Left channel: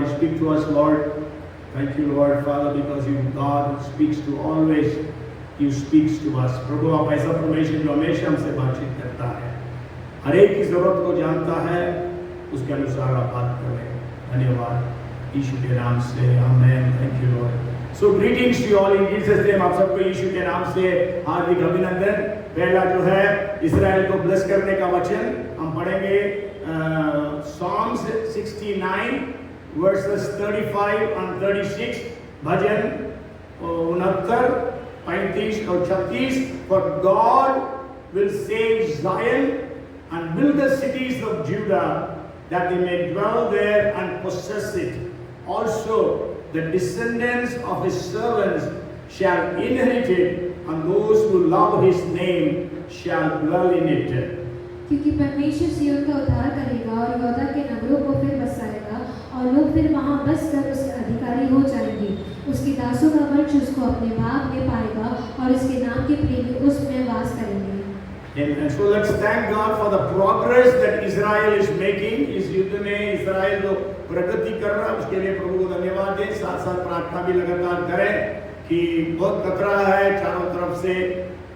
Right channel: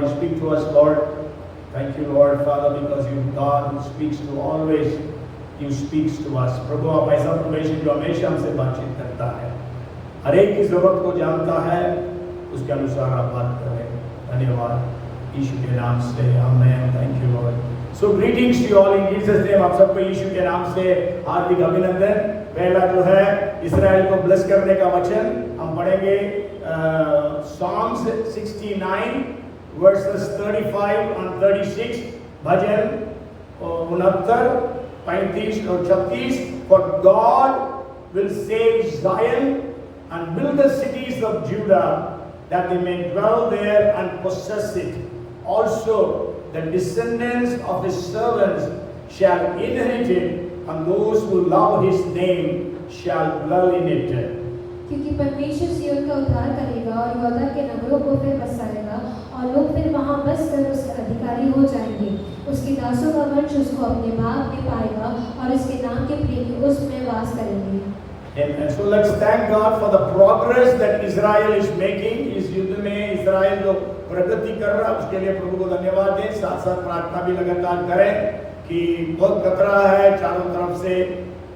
Lord. You speak to us, Lord. Thank you, Lord, Father, because you God who speaks to always. You speaks to us. प्रभु आप ऐसा परमेश्वर जो हमेशा हमसे बातचीत करता है, हर एक की जरूरत को जानता है, उसके अनुसार आप बात करें। धन्यवाद यीशु के नाम से, amen. Thank you Lord. So greetings to you all in Jesus name। आप सबको यीशु के नाम से हार्दिक अभिनंदन। पहला जो है इस्राएल को ब्लेस करने का वचन हम पढ़ेंगे Psalms 69 verses 35 and 36, भजन 69, 35 और 36। For God will save Zion and build the cities of Judah, that they may dwell there and possess it. Also the descendants of his servants shall inherit it, and those who love his name shall dwell in it. क्योंकि परमेश्वर सिय्योन का उद्धार करेगा और यहूदा के नगरों को फिर बसाएगा, और लोग फिर वहां बसकर उसके अधिकारी हो जाएंगे। उसके दासों का वंश उसको अपने भाग में पाएगा, और उसके नाम के प्रेमी उसमें वास करेंगे। And so let's thank God for the progress that Israel is making। इस युद्ध में इस्राएल जो प्रगति कर रहा है उसके लिए प्रभु को धन्यवाद दें। साथ साथ प्रार्थना भी लगातार करें कि बहुत खतरा है, चारों तरफ से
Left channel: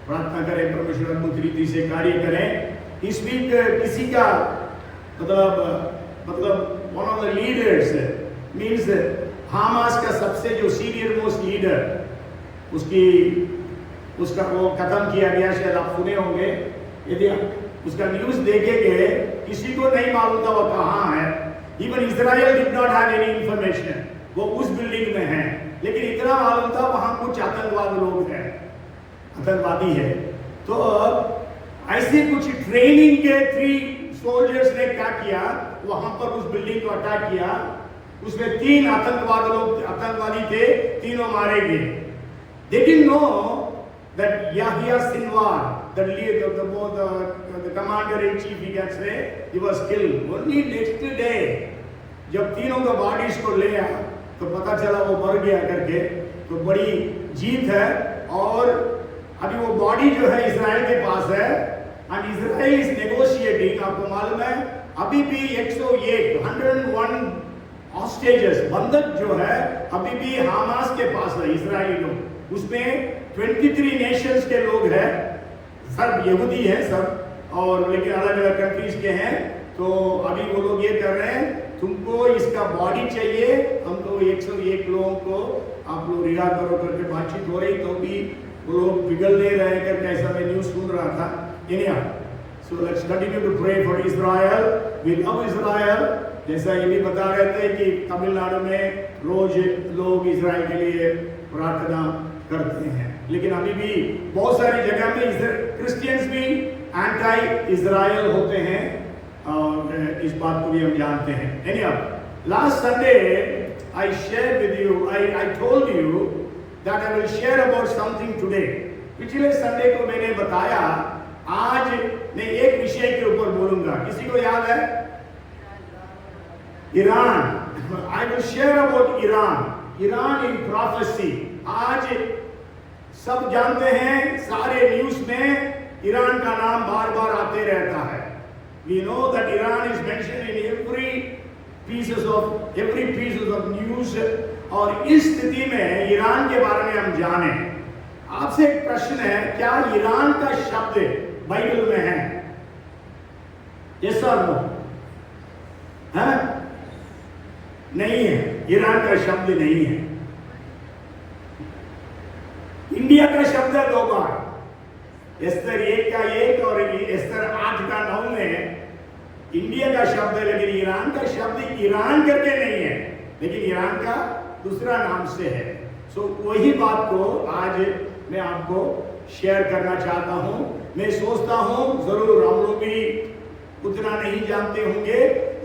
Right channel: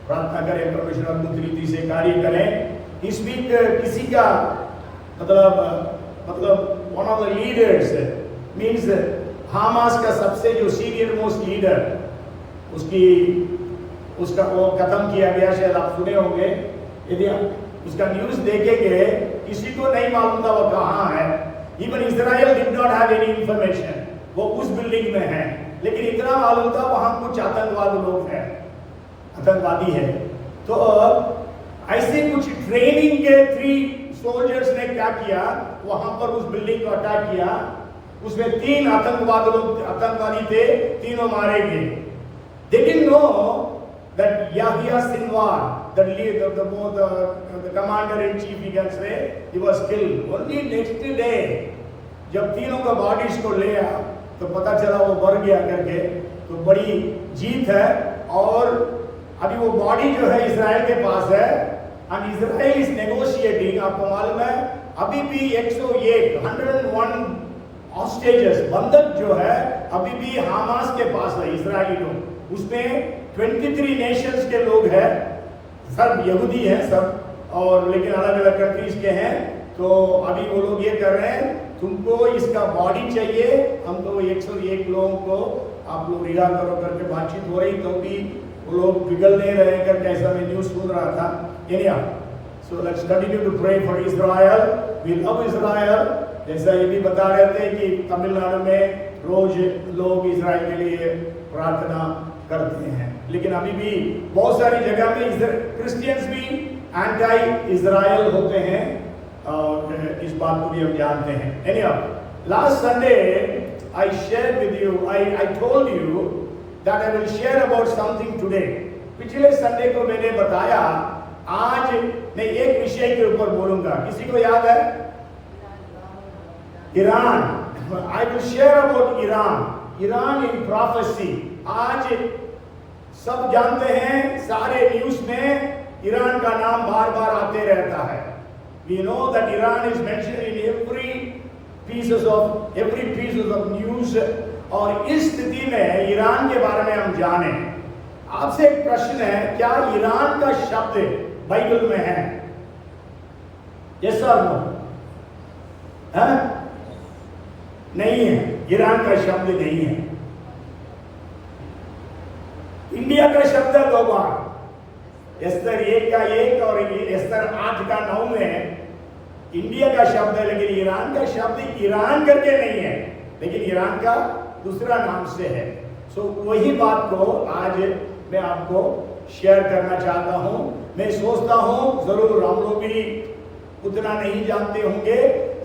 प्रार्थना करें, परमेश्वर अद्भुत रीति से कार्य करें। इस वीक किसी का मतलब one of the leaders means Hamas का सबसे जो सीनियर मोस्ट लीडर उसका वो खत्म किया गया। शायद आप सुने होंगे, यदि उसका न्यूज देखेंगे, किसी को नहीं मालूम था वो कहाँ है। Even Israel did not have any information, वो उस बिल्डिंग में है, लेकिन इतना मालूम था वहां कुछ आतंकवादी है। तो ऐसे कुछ ट्रेनिंग के 3 सोल्जर्स ने क्या किया, वहां पर उस बिल्डिंग को अटैक किया। उसमें 3 आतंकवादी थे, तीनों मारे गए। They didn't know that Yahya Sinwar, the commander-in-chief, we can say, he was killed. Only next day, जब तीनों का बॉडीज को ले आया तो पता चला वो मर गया करके। तो बड़ी जीत है, और अभी वो बॉडी जो है इजराइल के पास है, एंड इजराइल इज नेगोशिएटिंग। आपको मालूम है अभी भी 101 हॉस्टेजेस, बंधक जो है अभी भी हामास के पास है, इजराइली लोग। उसमें 23 नेशंस के लोग हैं, सब यहूदी हैं सब, और लेकिन अलग अलग कंट्रीज के हैं। तो अभी वो लोग ये कर रहे हैं, तुमको इसका बॉडी चाहिए, हम तो 101 लोगों को आप लोग रिहा करो करके बातचीत हो रही, तो भी वो लोग पिघल नहीं रहे करके ऐसा मैं न्यूज सुन रहा था। Anyhow, so let's continue to pray for Israel. We love Israel। जैसा ये भी बता रहे थे कि तमिलनाडु में रोज लोग इजराइल के लिए प्रार्थना करते हैं, लेकिन अभी भी बहुत सारी जगह में क्रिश्चियंस भी एंटी इजराइल होते हैं, और इस बात को भी हम जानते हैं। Anyhow, last Sunday I shared with you, I told you that I will share about something today। पिछले संडे को मैंने बताया आज मैं एक विषय के ऊपर बोलूंगा। किसी को याद है? Iran. I will share about Iran in prophecy। आज सब जानते हैं, सारे न्यूज में ईरान का नाम बार बार आते रहता है। We know that Iran is mentioned in every pieces of news। और इस स्थिति में ईरान के बारे में हम जाने। आपसे एक प्रश्न है, क्या ईरान का शब्द बाइबल में है? यस और नो? है? नहीं है, ईरान का शब्द नहीं है। इंडिया का शब्द है 2 बार, एस्तर 1 का 1 और एस्तर 8 का 9 में इंडिया का शब्द है, लेकिन ईरान का शब्द ईरान करके नहीं है, लेकिन ईरान का दूसरा नाम से है। सो वही बात को आज मैं आपको शेयर करना चाहता हूं। मैं सोचता हूं जरूर हम लोग भी उतना नहीं जानते होंगे,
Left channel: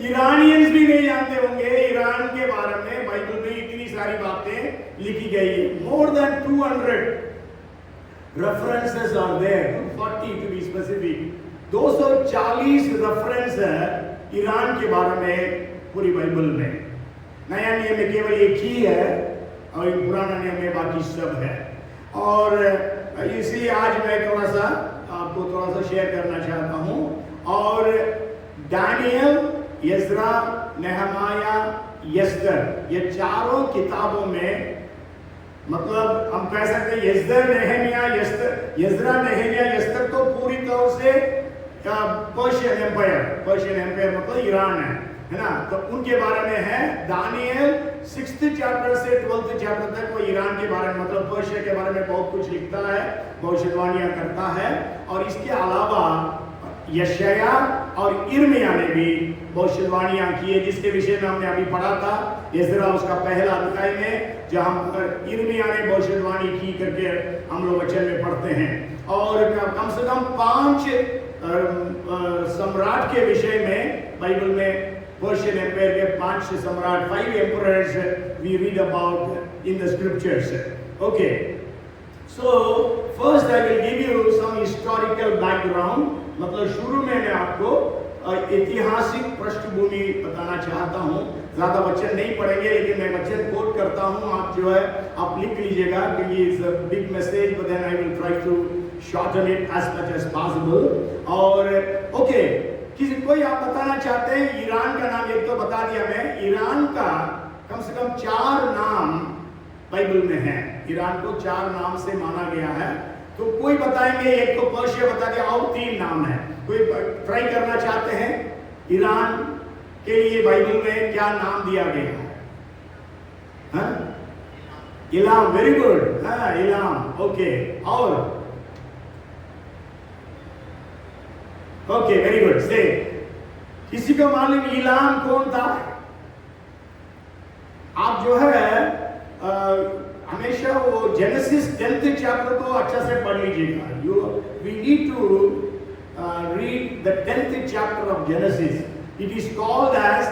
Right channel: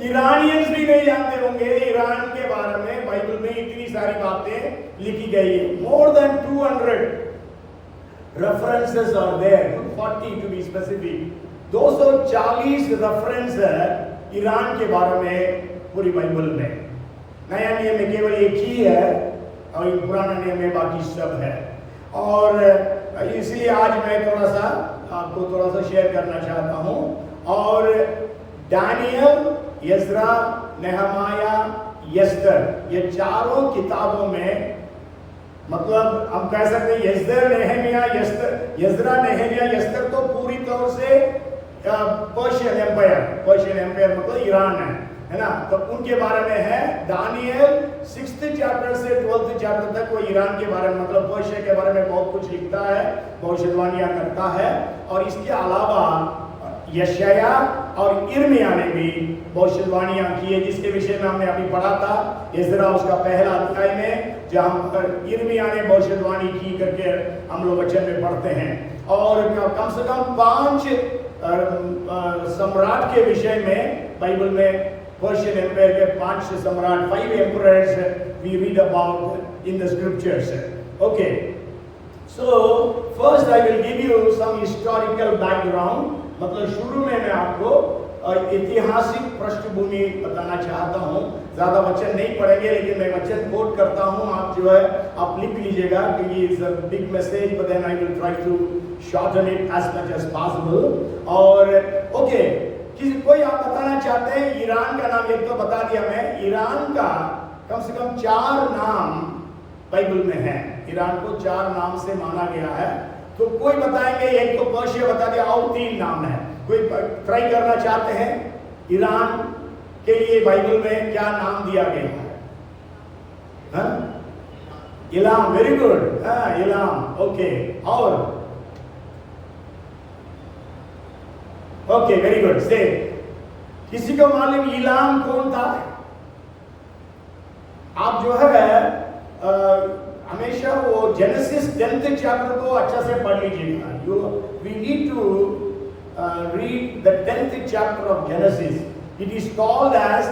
ईरानियंस भी नहीं जानते होंगे ईरान के बारे में। बाइबल में इतनी सारी बातें लिखी गई है, more than 200 references are there, 240 to be specific. 240 reference है ईरान के बारे में पूरी बाइबल में। नया नियम में केवल एक ही है, और पुराना नियम में बाकी सब है। और इसलिए आज मैं आपको थोड़ा सा शेयर करना चाहता हूं। और दानियल, यज़रा, नेहमाया, यस्तर, ये चारों किताबों में मतलब हम कह सकते हैं यस्दर, नेहेमिया, यस्तर, यज्रा, नेहेमिया, यस्तर तो पूरी तौर से पर्शियन एम्पायर मतलब ईरान है ना, तो उनके बारे में है। दानियल 6th चैप्टर से 12th चैप्टर तक वो ईरान के बारे में मतलब पर्शिया के बारे में बहुत कुछ लिखता है, भविष्यवाणियां करता है। और इसके अलावा यशाया और इर्मिया ने भी भविष्यवाणियां की है, जिसके विषय में हमने अभी पढ़ा था यज्रा उसका पहला अध्याय में, जहां पर इर्मिया ने भविष्यवाणी की करके हम लोग वचन में पढ़ते हैं। और कम से कम 5 सम्राट के विषय में बाइबल में पर्शियन एम्पायर के 5 सम्राट, 5 emperors we read about in the scriptures. Okay, so first I will give you some historical background, मतलब शुरू में मैं आपको ऐतिहासिक पृष्ठभूमि बताना चाहता हूँ। ज्यादा वचन नहीं पढ़ेंगे लेकिन मैं वचन कोट करता हूँ, आप जो है आप लिख लीजिएगा क्योंकि it's a big message, but then I will try to shorten it as much as possible. और ओके, किसी कोई आप बताना चाहते हैं ईरान का नाम? एक तो बता दिया मैं, ईरान का कम से कम 4 नाम बाइबल में है। ईरान को 4 नाम से माना गया है, तो कोई बताएंगे? एक तो पर्शिया बता दिया, और 3 नाम है। कोई ट्राई करना चाहते हैं ईरान के लिए बाइबल में क्या नाम दिया गया है? Ilam, very good, Ilam, okay. और ओके, वेरी गुड, से किसी को मालूम इलाम कौन था? आप जो है हमेशा वो जेनेसिस 10th चैप्टर को अच्छा से पढ़ लीजिएगा। We need to read the 10th chapter of Genesis. It is called as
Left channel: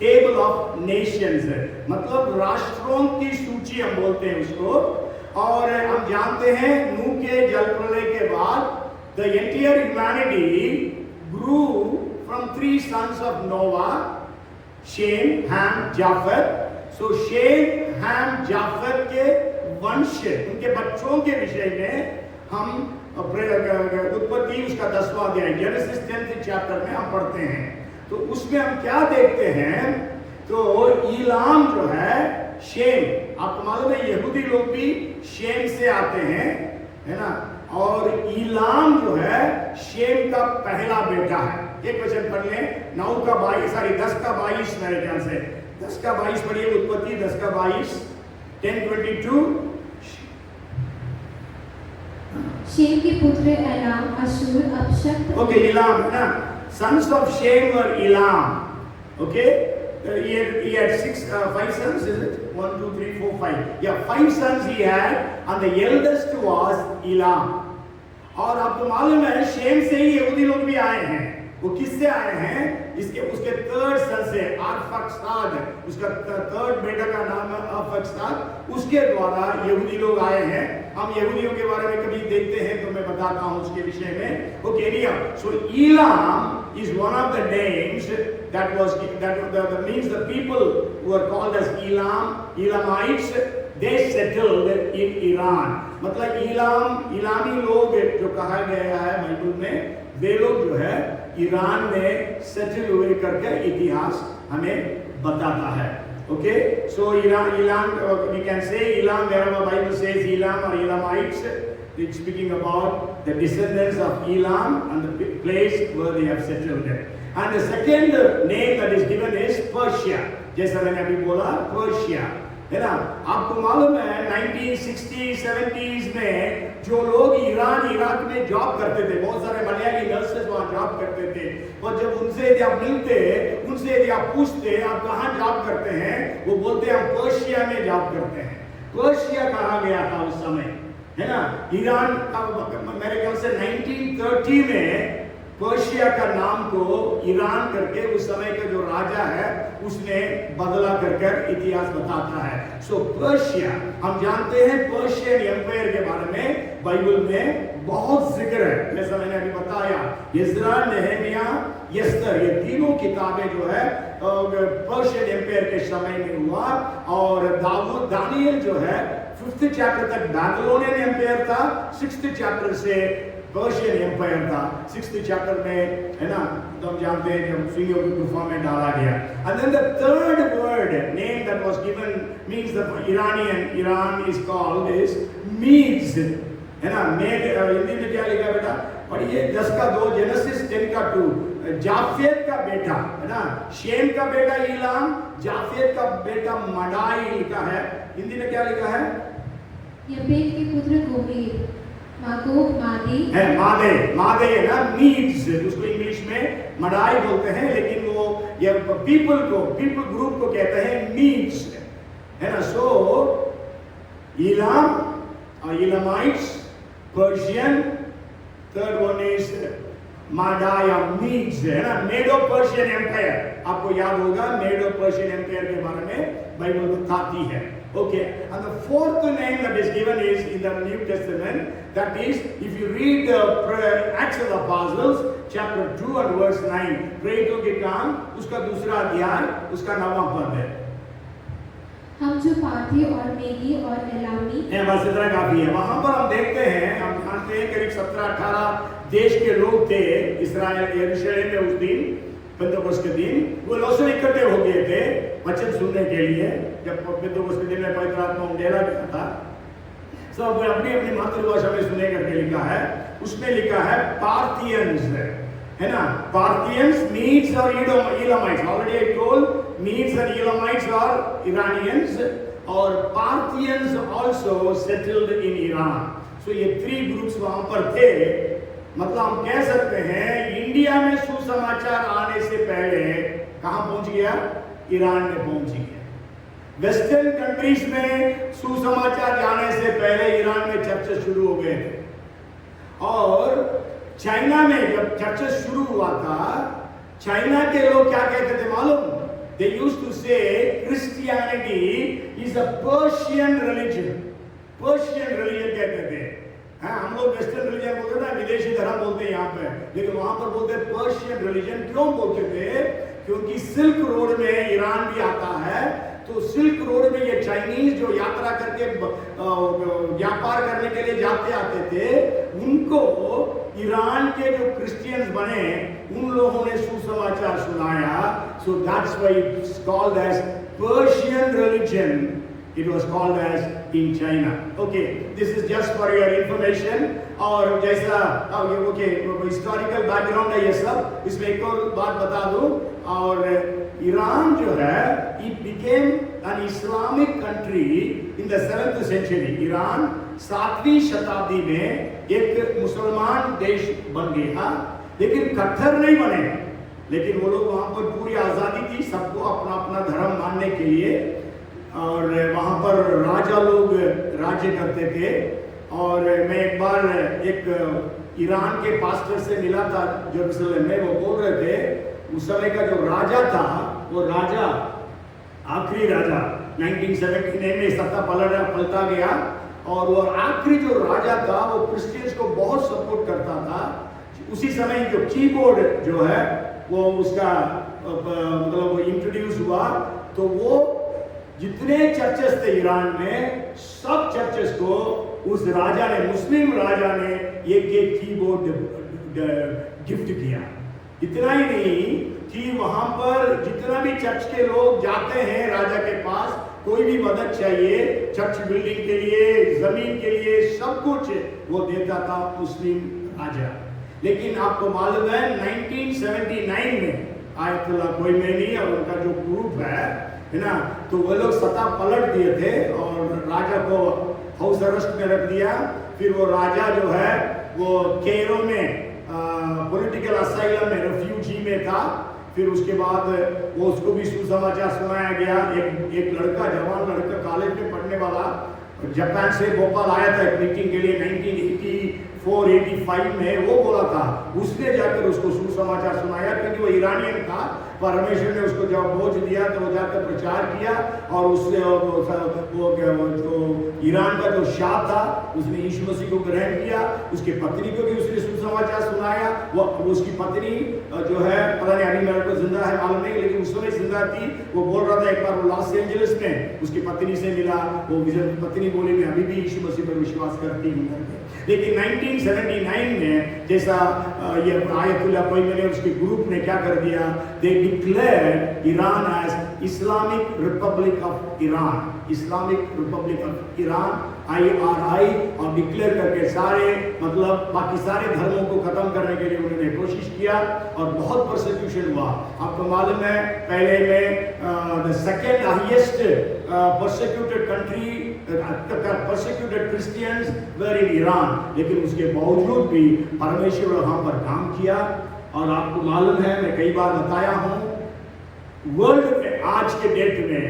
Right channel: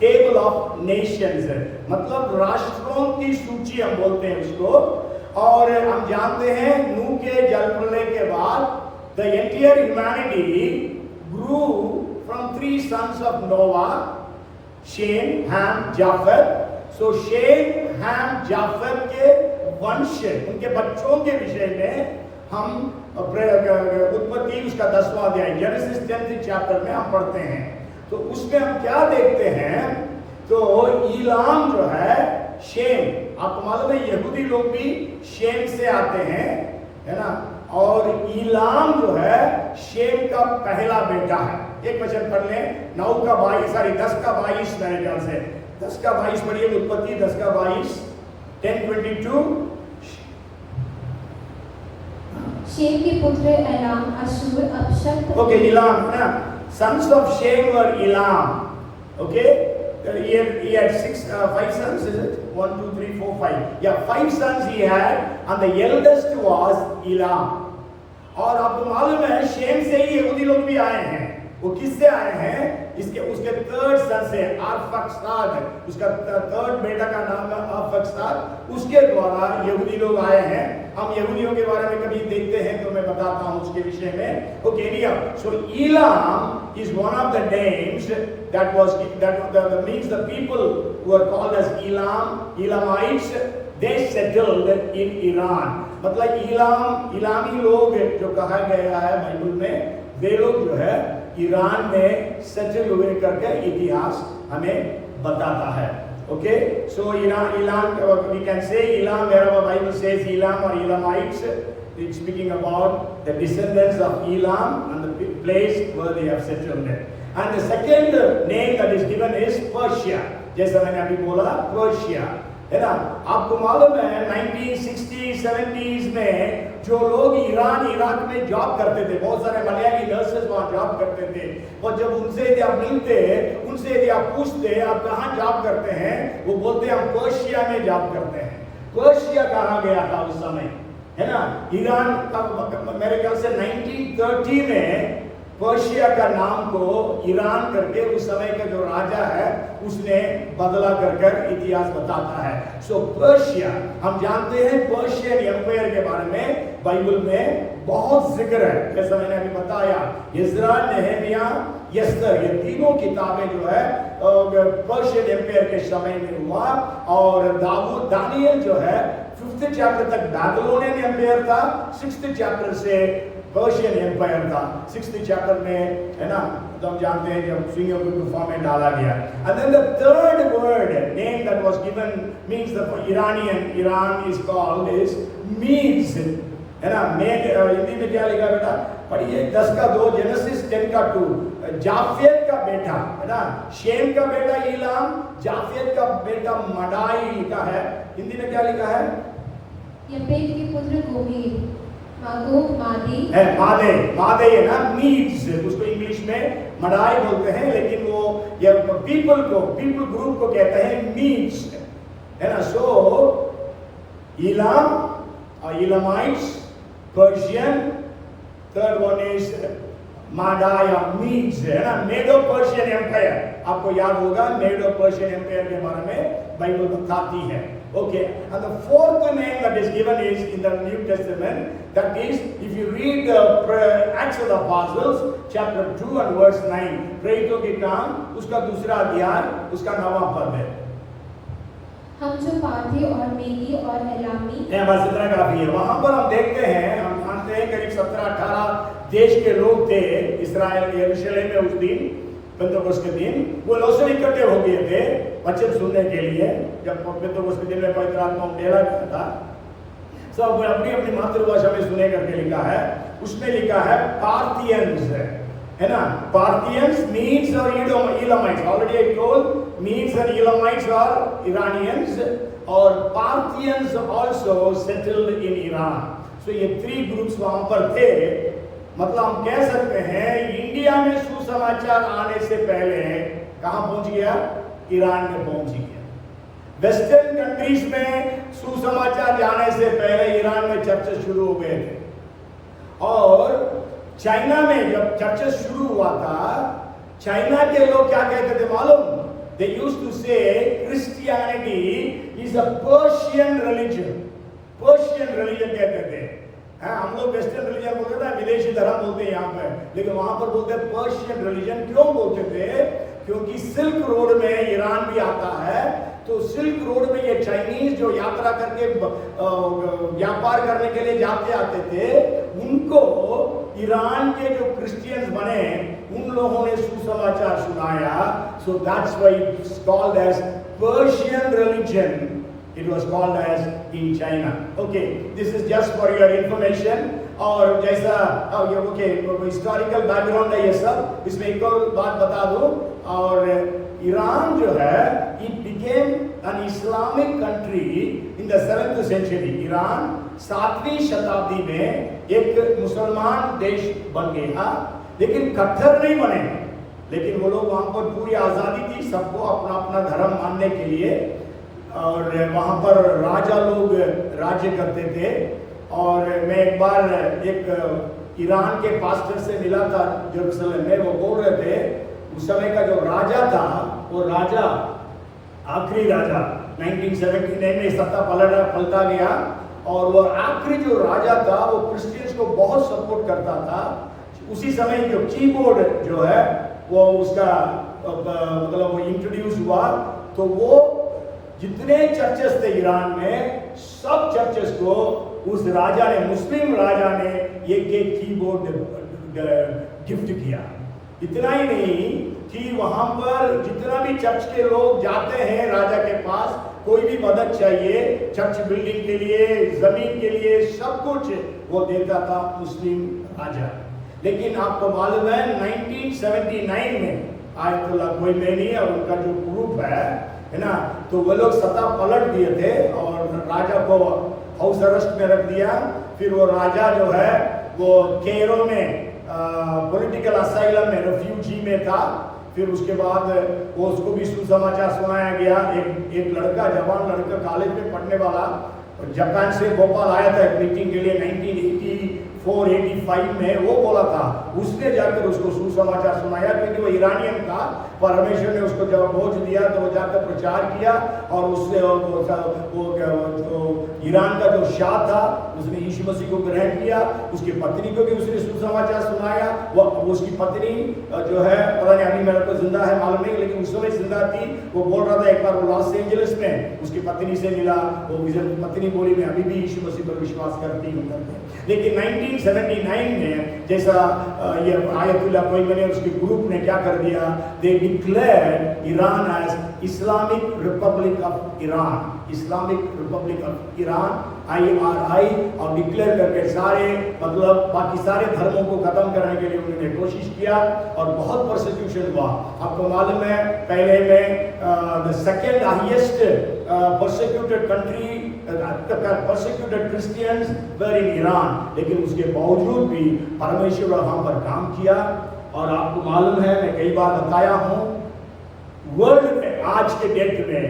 Table of Nations, मतलब राष्ट्रों की सूची हम बोलते हैं उसको। और हम जानते हैं नूह के जल प्रलय के बाद the entire humanity grew from 3 sons of Noah, Shem, Ham, Japheth. So Shem, Ham, Japheth के वंश, उनके बच्चों के विषय में हम उत्पत्ति उसका 10वां अध्याय जेनेसिस 10th चैप्टर में हम पढ़ते हैं। तो उसमें हम क्या देखते हैं? तो ईलाम जो है शेम, आपको मालूम है यहूदी लोग भी शेम से आते हैं, है ना। और ईलाम जो है शेम का पहला बेटा है। एक वचन पढ़ लें, 9 का 22 10 का 22 मेरे ख्याल से 10 का 22 पढ़िए, उत्पत्ति 10 का 22 10:22। शेम के पुत्र एलाम, अशूर, अपशक्त। ओके, इलाम ना, sons of Shem were Elam. Okay, he had 5 sons, is it? 1 2 3 4 5. Yeah, 5 sons he had, and the eldest was Elam. और आपको मालूम है शेम से ही यहूदी लोग भी आए हैं। वो किससे आए हैं? उसके 3rd सन से, अर्फक्षाद, उसका 3rd बेटा का नाम है अर्फक्षाद, उसके द्वारा यहूदी लोग आए हैं। हम यहूदियों के बारे में कभी देखते हैं तो मैं बताता हूं उसके विषय में। Okay, so Elam is one of the names that means the people who are called as Elamites, they settled in Iran. मतलब इलामी लोग जो कहा गया है बाइबल में, वे लोग जो है ईरान में सेटल हुए करके इतिहास हमें बताता है। Okay, so Elam, we can say Elam, wherever Bible says Elam or Elamites, it's speaking about the descendants of Elam and the place where they have settled. And the second name that is given is Persia. जैसा मैंने अभी बोला, Persia, है ना। आपको मालूम है 1960s 70s में जो लोग ईरान इराक में जॉब करते थे, बहुत सारे मलयाली नर्सेस वहाँ जॉब करते थे, और जब उनसे यदि आप मिलते, उनसे यदि आप पूछते आप कहाँ जॉब करते हैं, वो बोलते हम पर्शिया में जॉब करते हैं। पर्शिया कहाँ गया था उस समय, है ना। ईरान का मेरे ख्याल से 1930 में पर्शिया का नाम को ईरान करके उस समय का जो राजा है उसने बदला कर इतिहास बताता है। सो पर्शिया, हम जानते हैं पर्शियन एम्पायर के बारे में बाइबल में बहुत जिक्र है। जैसा मैंने अभी बताया, यज्रा, नेहेमिया, यस्तर, ये तीनों किताबें जो है पर्शियन एम्पायर के समय में हुआ। और दानियल जो है 5th चैप्टर तक बैबिलोनियन एम्पायर था, 6th चैप्टर से पर्शियन एम्पायर था। 6th चैप्टर में है ना, तो हम जानते हैं जब सिंह की गुफा में डाला गया। And then the third word name that was given means the Iran is called is Medes, है ना। मेड हिंदी में क्या लिखा बेटा? पढ़िए 10 का 2, जेनेसिस 10 का 2, जाफेत का बेटा है ना, शेम का बेटा ईलाम, जाफेत का बेटा मडाई लिखा है। हिंदी में क्या लिखा है? यपेत के पुत्र गोमेर, मागोग मादे है, मादे है ना, मीड्स, उसको इंग्लिश में मडाई बोलते हैं, लेकिन वो ये पीपल ग्रुप को कहते हैं मीड्स, है ना। सो Ilam, Elamites, Persian, third one is Madaya, Medes, है ना। मेडो पर्शियन एम्पायर, आपको याद होगा मेडो पर्शियन एम्पायर के बारे में बाइबल बताती है। Okay, and the fourth name that is given is in the New Testament, that is if you read the Acts of the Apostles chapter 2 and verse 9, प्रेरितों के काम उसका दूसरा अध्याय उसका 9वां पद है। हम जो पार्थी और मेदी और एलामी, बस इतना काफी है। वहां पर हम देखते हैं, हम जानते हैं कि 17-18 देश के लोग थे इस्राएल यरूशलेम में उस दिन, पेंतुकोस्त के दिन। वो लोग सब इकट्ठे हो गए थे वचन सुनने के लिए। जब पेंतुकोस्त के दिन में पवित्र आत्मा उठेला गया था, सब अपनी अपनी मातृभाषा में सुने करके लिखा है। उसमें लिखा है पार्थियंस, है ना। पार्थियंस, मीड्स और Elamites, already I told Medes and Elamites are Iranians, और Parthians also settled in Iran. So ये 3 groups वहां पर थे। मतलब हम कह सकते हैं इंडिया में सुसमाचार आने से पहले कहां पहुंच गया? ईरान में पहुंच गया। वेस्टर्न कंट्रीज में सुसमाचार जाने से पहले ईरान में चर्चा शुरू हो गए थे। और चाइना में जब चर्चा शुरू हुआ था, चाइना के लोग क्या कहते थे मालूम? They used to say Christianity is a Persian religion. Persian religion कहते थे। हम लोग वेस्टर्न रिलीजन बोलते थे, विदेशी धर्म बोलते हैं यहाँ पे, लेकिन वहां पर बोलते हैं पर्शियन रिलीजन। क्यों बोलते थे? क्योंकि सिल्क रोड में ईरान भी आता है, तो सिल्क रोड में ये चाइनीज जो यात्रा करके व्यापार करने के लिए जाते आते थे, उनको ईरान के जो क्रिश्चियंस बने उन लोगों ने सुसमाचार सुनाया। So that's why it's called as Persian religion. It was called as in China. Okay, this is just for your information. और जैसा हिस्टोरिकल बैकग्राउंड है ये सब, इसमें एक और बात बता दूं। और ईरान जो है, it became an Islamic country in the 7th century. Iran 7वीं शताब्दी में एक मुसलमान देश बन गया, लेकिन कट्टर नहीं बने। लेकिन वो लोग वहां पर पूरी आजादी थी सबको अपना अपना धर्म मानने के लिए, और वहां पर राजा लोग राज्य करते थे। और मैं एक बार एक ईरान के पास्टर से मिला था जेरूसलम में, वो बोल रहे थे उस समय का जो राजा था, वो राजा आखिरी राजा 1979 में सत्ता पलटा गया, और वो आखिरी जो राजा था वो क्रिश्चियंस को बहुत सपोर्ट करता था। उसी समय जो कीबोर्ड जो है वो उसका मतलब वो इंट्रोड्यूस हुआ, तो वो जितने चर्चेस थे ईरान में, सब चर्चेस को उस राजा ने, मुस्लिम राजा ने एक कीबोर्ड गिफ्ट किया। इतना ही नहीं कि वहां पर जितना भी चर्च के लोग जाते हैं राजा के पास, कोई भी मदद चाहिए चर्च बिल्डिंग के लिए, जमीन के लिए, सब कुछ वो देता था मुस्लिम राजा। लेकिन आपको मालूम है 1979 में आयतुल्ला खोमेनी और उनका जो ग्रुप है ना, तो वो लोग सत्ता पलट दिए थे और राजा को हाउस अरेस्ट में रख दिया। फिर वो राजा जो है वो कैरो में पॉलिटिकल असाइलम में, रेफ्यूजी में था। फिर उसके बाद वो उसको भी सुसमाचार सुनाया गया। एक लड़का, जवान लड़का, कॉलेज में पढ़ने वाला, जापान से भोपाल आया था एक मीटिंग के लिए 1984-85 में। वो बोला था, उसने जाकर उसको सुसमाचार सुनाया, क्योंकि वो ईरानियन था। परमेश्वर ने उसको जब बोझ दिया तो वो जाकर प्रचार किया, और उसने जो ईरान का जो शाह था उसने यीशु मसीह को ग्रहण किया। उसकी पत्नी को भी उसने सुसमाचार सुनाया, वो उसकी पत्नी जो है पता नहीं अभी मेरे को जिंदा है मालूम नहीं, लेकिन उस समय जिंदा थी। वो बोल रहा था एक बार वो लॉस एंजलिस में उसकी पत्नी से मिला, वो पत्नी बोली मैं अभी भी यीशु मसीह पर विश्वास करती हूँ करके। लेकिन 1979 में जैसा ये आयतुल्ला कोयमनी ने उसके ग्रुप ने क्या कर दिया, they declared Iran as Islamic Republic of Iran, Islamic Republic of Iran IRI, और डिक्लेयर करके सारे मतलब बाकी सारे धर्मों को खत्म करने के लिए उन्होंने कोशिश किया और बहुत परसिक्यूशन हुआ। आपको मालूम है पहले में the second highest persecuted country persecuted Christians were in Iran, लेकिन उसके बावजूद भी परमेश्वर वहां पर काम किया। और आपको मालूम है मैं कई बार बताया हूं, वर्ल्ड में आज के डेट में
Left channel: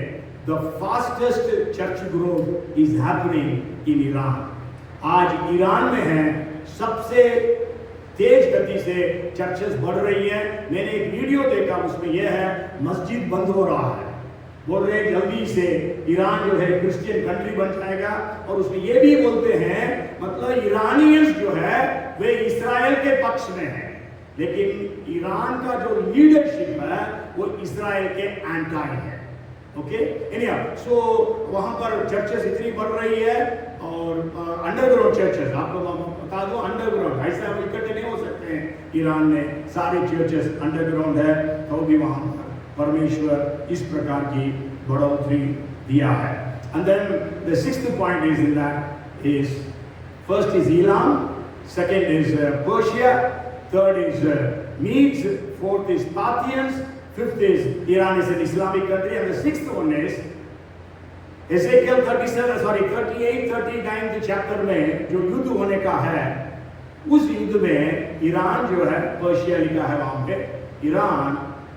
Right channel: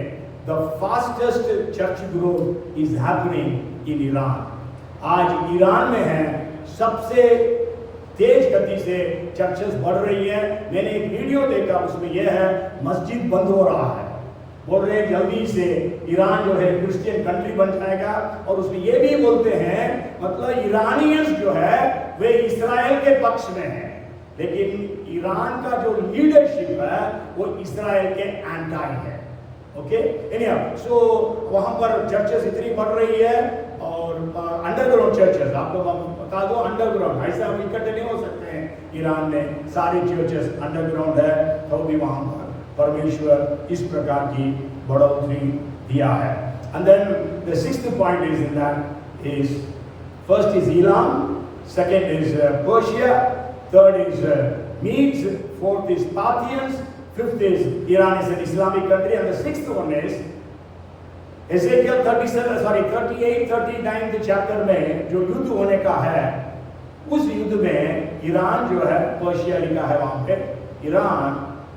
the fastest church growth is happening in Iran। आज ईरान में है सबसे तेज गति से चर्चेस बढ़ रही हैं। मैंने एक वीडियो देखा उसमें यह है मस्जिद बंद हो रहा है, बोल रहे जल्दी से ईरान जो है क्रिश्चियन कंट्री बन जाएगा। और उसमें ये भी बोलते हैं मतलब ईरानियंस जो है वे इस्राएल के पक्ष में हैं, लेकिन ईरान का जो लीडरशिप है वो इस्राएल के एंटी है। ओके एनीहाउ, सो वहां पर चर्चेस इतनी बढ़ रही है और अंडरग्राउंड चर्चेस, आपको बता दो अंडरग्राउंड, ऐसा हम इकट्ठे नहीं हो सकते हैं। ईरान में सारे चर्चेस अंडरग्राउंड है, तो भी वहां पर परमेश्वर इस प्रकार की बढ़ोतरी दिया है। And then the sixth point is in that is first is Iran, second is Persia, third is Medes, fourth is Parthians, fifth is Iran is an Islamic country, and the sixth one is Ezekiel 38, 39 chapter में जो युद्ध होने का है, उस युद्ध में Iran जो है, पर्शिया लिखा है वहां पे, Iran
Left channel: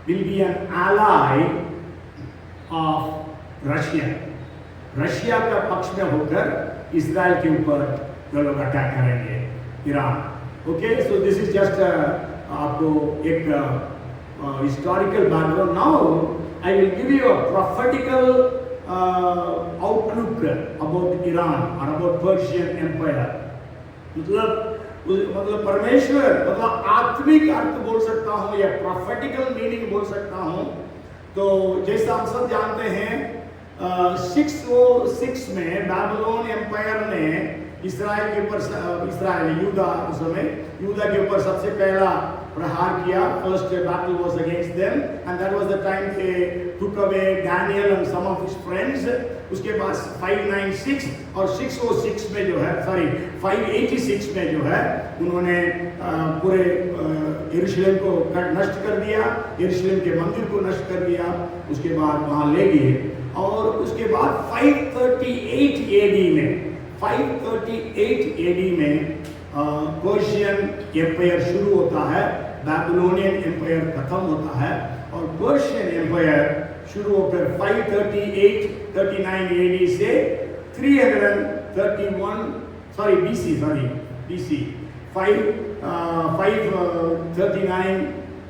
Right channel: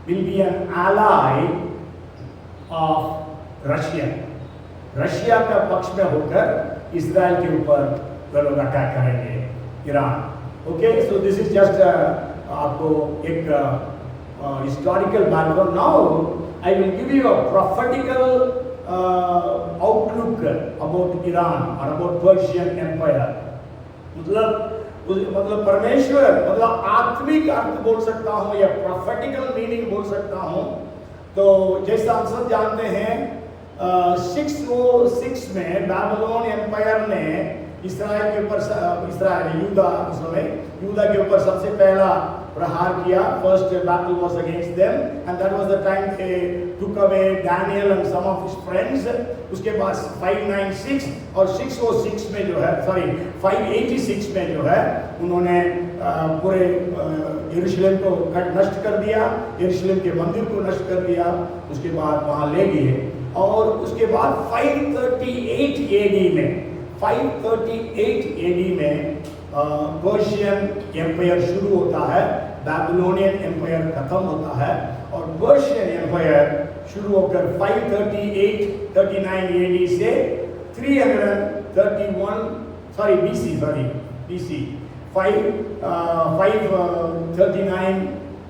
will be an ally of Russia। Russia का पक्ष में होकर इस्राएल के ऊपर वे लोग अटैक करेंगे Iran. Okay, so this is just आपको एक historical background. Now I will give you a prophetical outlook about Iran or about Persian Empire। मतलब परमेश्वर मतलब आत्मिक अर्थ बोल सकता हूँ या प्रॉफेटिकल मीनिंग बोल सकता हूँ। तो जैसा हम सब जानते हैं 606 में बैबिलोन एम्पायर ने इस्राएल के ऊपर, इस्राएल यूदा उस समय यूदा के ऊपर सबसे पहला प्रहार किया। First battle was against them and that was the time they took away Daniel and some of his friends। उसके बाद 596 और 606 में जो है 586 में जो है उन्होंने पूरे यरूशलेम को नष्ट कर दिया, यरूशलेम के मंदिर को नष्ट कर दिया, उसके बाद वहां ले गए। और उसके बाद 538 AD में पर्शियन एम्पायर शुरू होता है, बैबिलोनियन एम्पायर खत्म होता है और पर्शियन एम्पायर शुरू होकर 539 AD से 539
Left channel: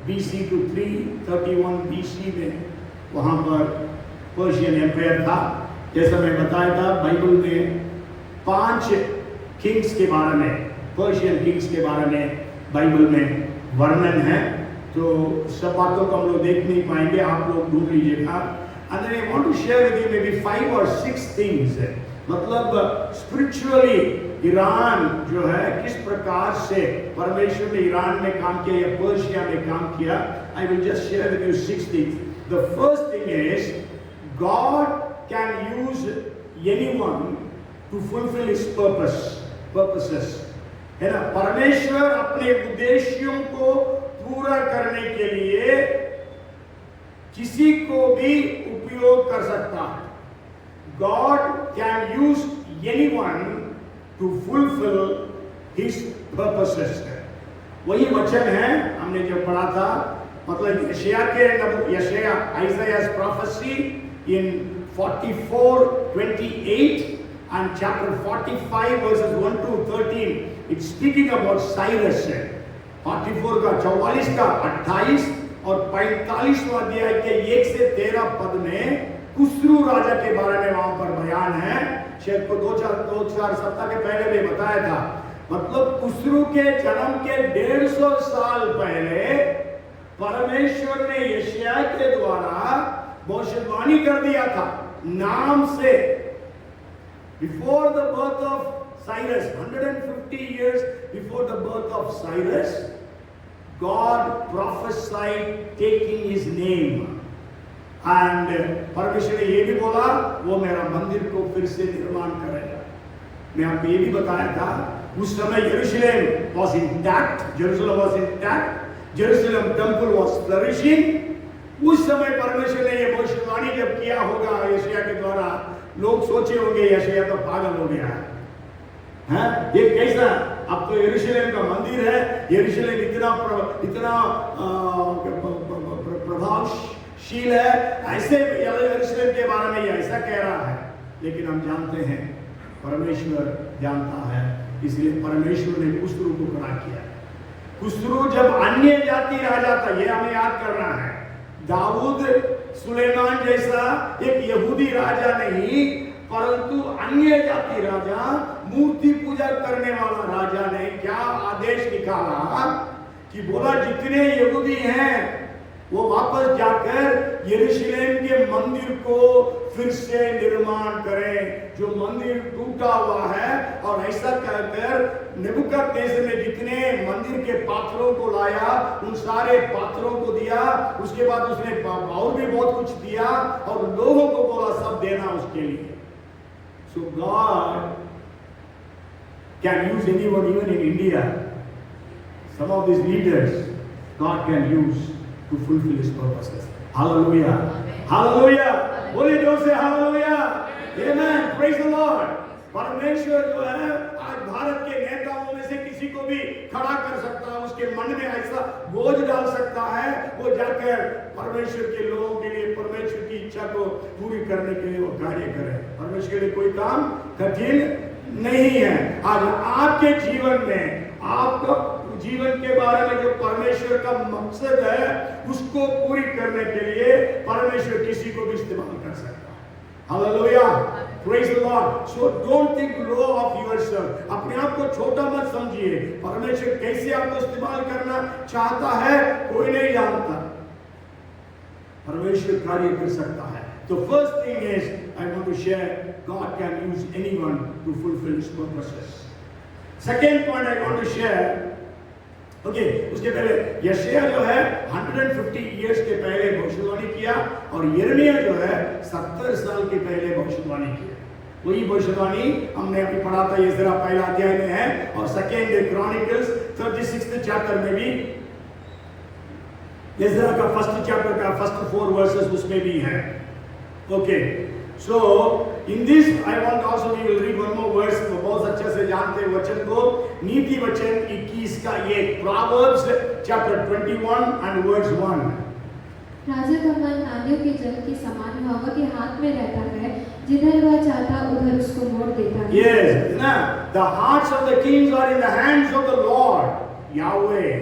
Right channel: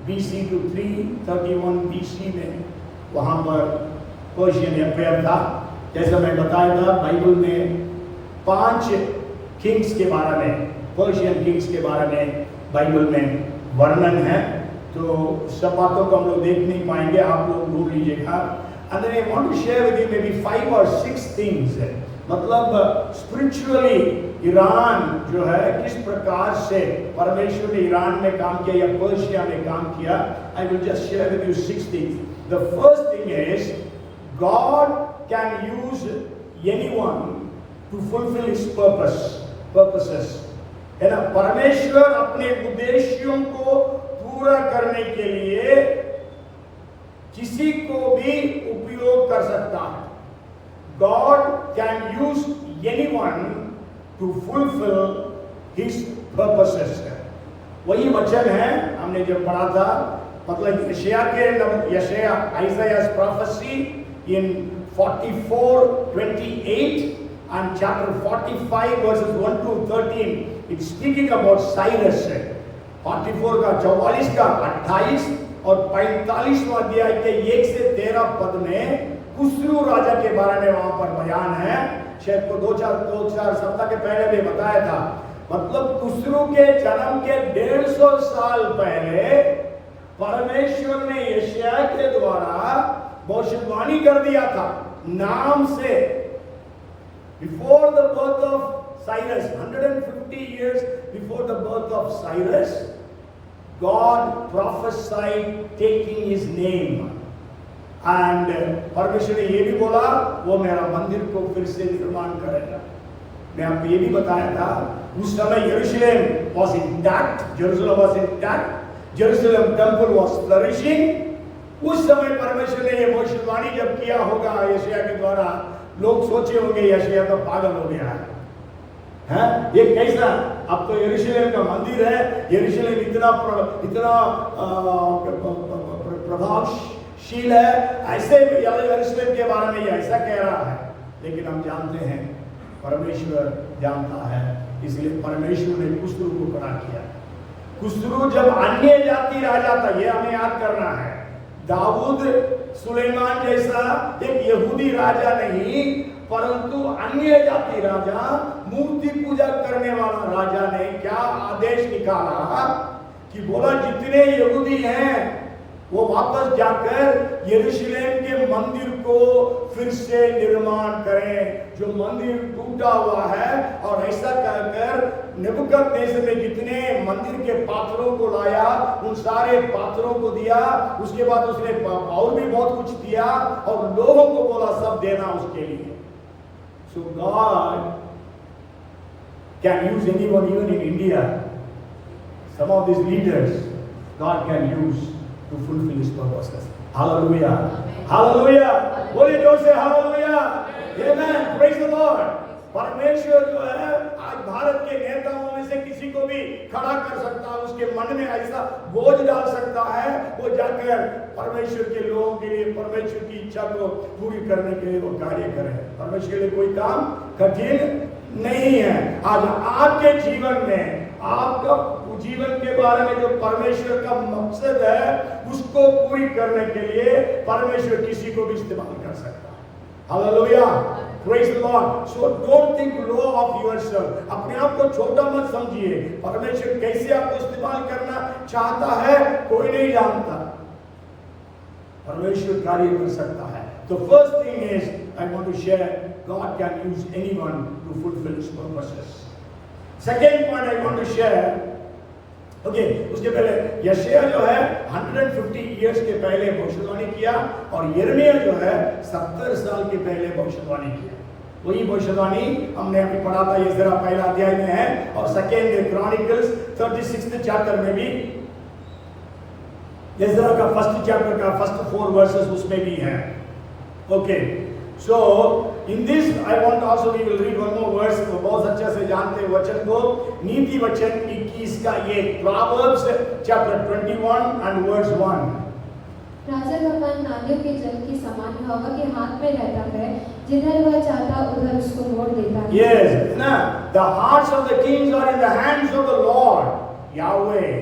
BC to 331 BC में वहां पर पर्शियन एम्पायर था। जैसा मैं बताया था बाइबल में 5 किंग्स के बारे में, पर्शियन किंग्स के बारे में बाइबल में वर्णन है, तो सब बातों को हम लोग देख नहीं पाएंगे, आप लोग ढूंढ लीजिएगा। And then I want to share with you maybe 5 or 6 things, मतलब स्पिरिचुअली ईरान जो है किस प्रकार से परमेश्वर ने ईरान में काम किया या पर्शिया में काम किया। I will just share with you 6 things. The first thing is God can use anyone to fulfill his purposes। है ना, परमेश्वर अपने उद्देश्यों को पूरा करने के लिए किसी को भी उपयोग कर सकता है। God can use anyone to fulfill his purposes। वही वचन है हमने जो पढ़ा था, मतलब यशाया Isaiah's prophecy in 44:28 and chapter 45 verses 1 to 13, it's speaking about Cyrus। 44 का 44 का 28 और 45वां अध्याय के 1 से 13 पद में खुसरू राजा के बारे में वहां पर बयान है। शायद को 2-4 सप्ताह के पहले मैं बताया था, मतलब कुसरू के जन्म के 150 साल पहले परमेश्वर ने यशायाह के द्वारा भविष्यवाणी कर दिया था नाम से। Before the birth of Cyrus, 150 years before the birth of Cyrus, God prophesied taking his name. And परमेश्वर ने ये भी बोला वो मेरा मंदिर को फिर से निर्माण करेगा। मैं आपको ये भी बताया था उस समय यरूशलेम was intact, Jerusalem was intact, Jerusalem temple was flourishing। उस समय परमेश्वर ने ये भविष्यवाणी जब किया होगा यशायाह के द्वारा, लोग सोचे होंगे यशायाह तो पागल हो गया है, ये कैसा? अब तो यरूशलेम का मंदिर है, यरूशलेम इतना प्रभावशील है, ऐसे यरूशलेम के बारे में ऐसा कह रहा है। लेकिन हम जानते हैं परमेश्वर जानता है, इसलिए परमेश्वर ने कुसरू को खड़ा किया। कुसरू जब अन्य जाति राजा था, यह हमें याद करना है, दाऊद सुलेमान जैसा एक यहूदी राजा नहीं, परंतु अन्य जाति राजा, मूर्ति पूजा करने वाला राजा ने क्या आदेश निकाला कि बोला जितने यहूदी हैं वो वापस जाकर यरूशलेम के मंदिर को फिर से निर्माण करें, जो मंदिर टूटा हुआ है। और ऐसा कहकर नेबुकदनेस्सर ने जितने मंदिर के पात्रों को लाया उन सारे पात्रों को दिया। उसके बाद उसने और भी बहुत कुछ दिया और लोगों को बोला सब देना उसके लिए। So God can use anyone, even in India. Some of these leaders, God can use to fulfill His purposes. Hallelujah! Hallelujah! बोलिए जोर से Hallelujah! Amen! Praise the Lord! परमेश्वर जो है आज भारत के नेताओं में से किसी को भी खड़ा कर सकता है, उसके मन में ऐसा बोझ डाल सकता है, वो जाकर परमेश्वर के लोगों के लिए परमेश्वर की इच्छा को पूरी करने के लिए वो कार्य करे। परमेश्वर के लिए कोई काम कठिन नहीं है। आज आपके जीवन में, आपका जीवन के बारे में जो परमेश्वर का मकसद है उसको पूरी करने के लिए परमेश्वर किसी को भी इस्तेमाल कर सकता है। Hallelujah! Praise the Lord. So don't think low of yourself. अपने आप को छोटा मत समझिए। परमेश्वर कैसे आपको इस्तेमाल करना चाहता है कोई नहीं जानता, परमेश्वर कार्य कर सकता है। The first thing is I want to share, God can use anyone to fulfill His purposes. Second point I want to share, उसके पहले यशायाह जो है 150 years के पहले भविष्यवाणी किया और यिर्मयाह जो है 70 साल के पहले भविष्यवाणी किया। वही भविष्यवाणी हमने अभी पढ़ा था, ये जरा पहला अध्याय में है और सेकेंड क्रॉनिकल्स 36th चैप्टर में भी, इज़रा का फर्स्ट चैप्टर का फर्स्ट 4 वर्सेस उसमें भी है। Okay, so in this I want also we will read one more verse. तो बहुत अच्छे से जानते हैं वचन को, नीति वचन 21 का ये प्रोवर्ब्स चैप्टर 21 एंड वर्स 1। राजा का मन नालियों के जल के समान हवा के हाथ में रहता है, जिधर वह चाहता उधर उसको मोड़ देता है। Yes, now the hearts of the kings are in the hands of the Lord Yahweh,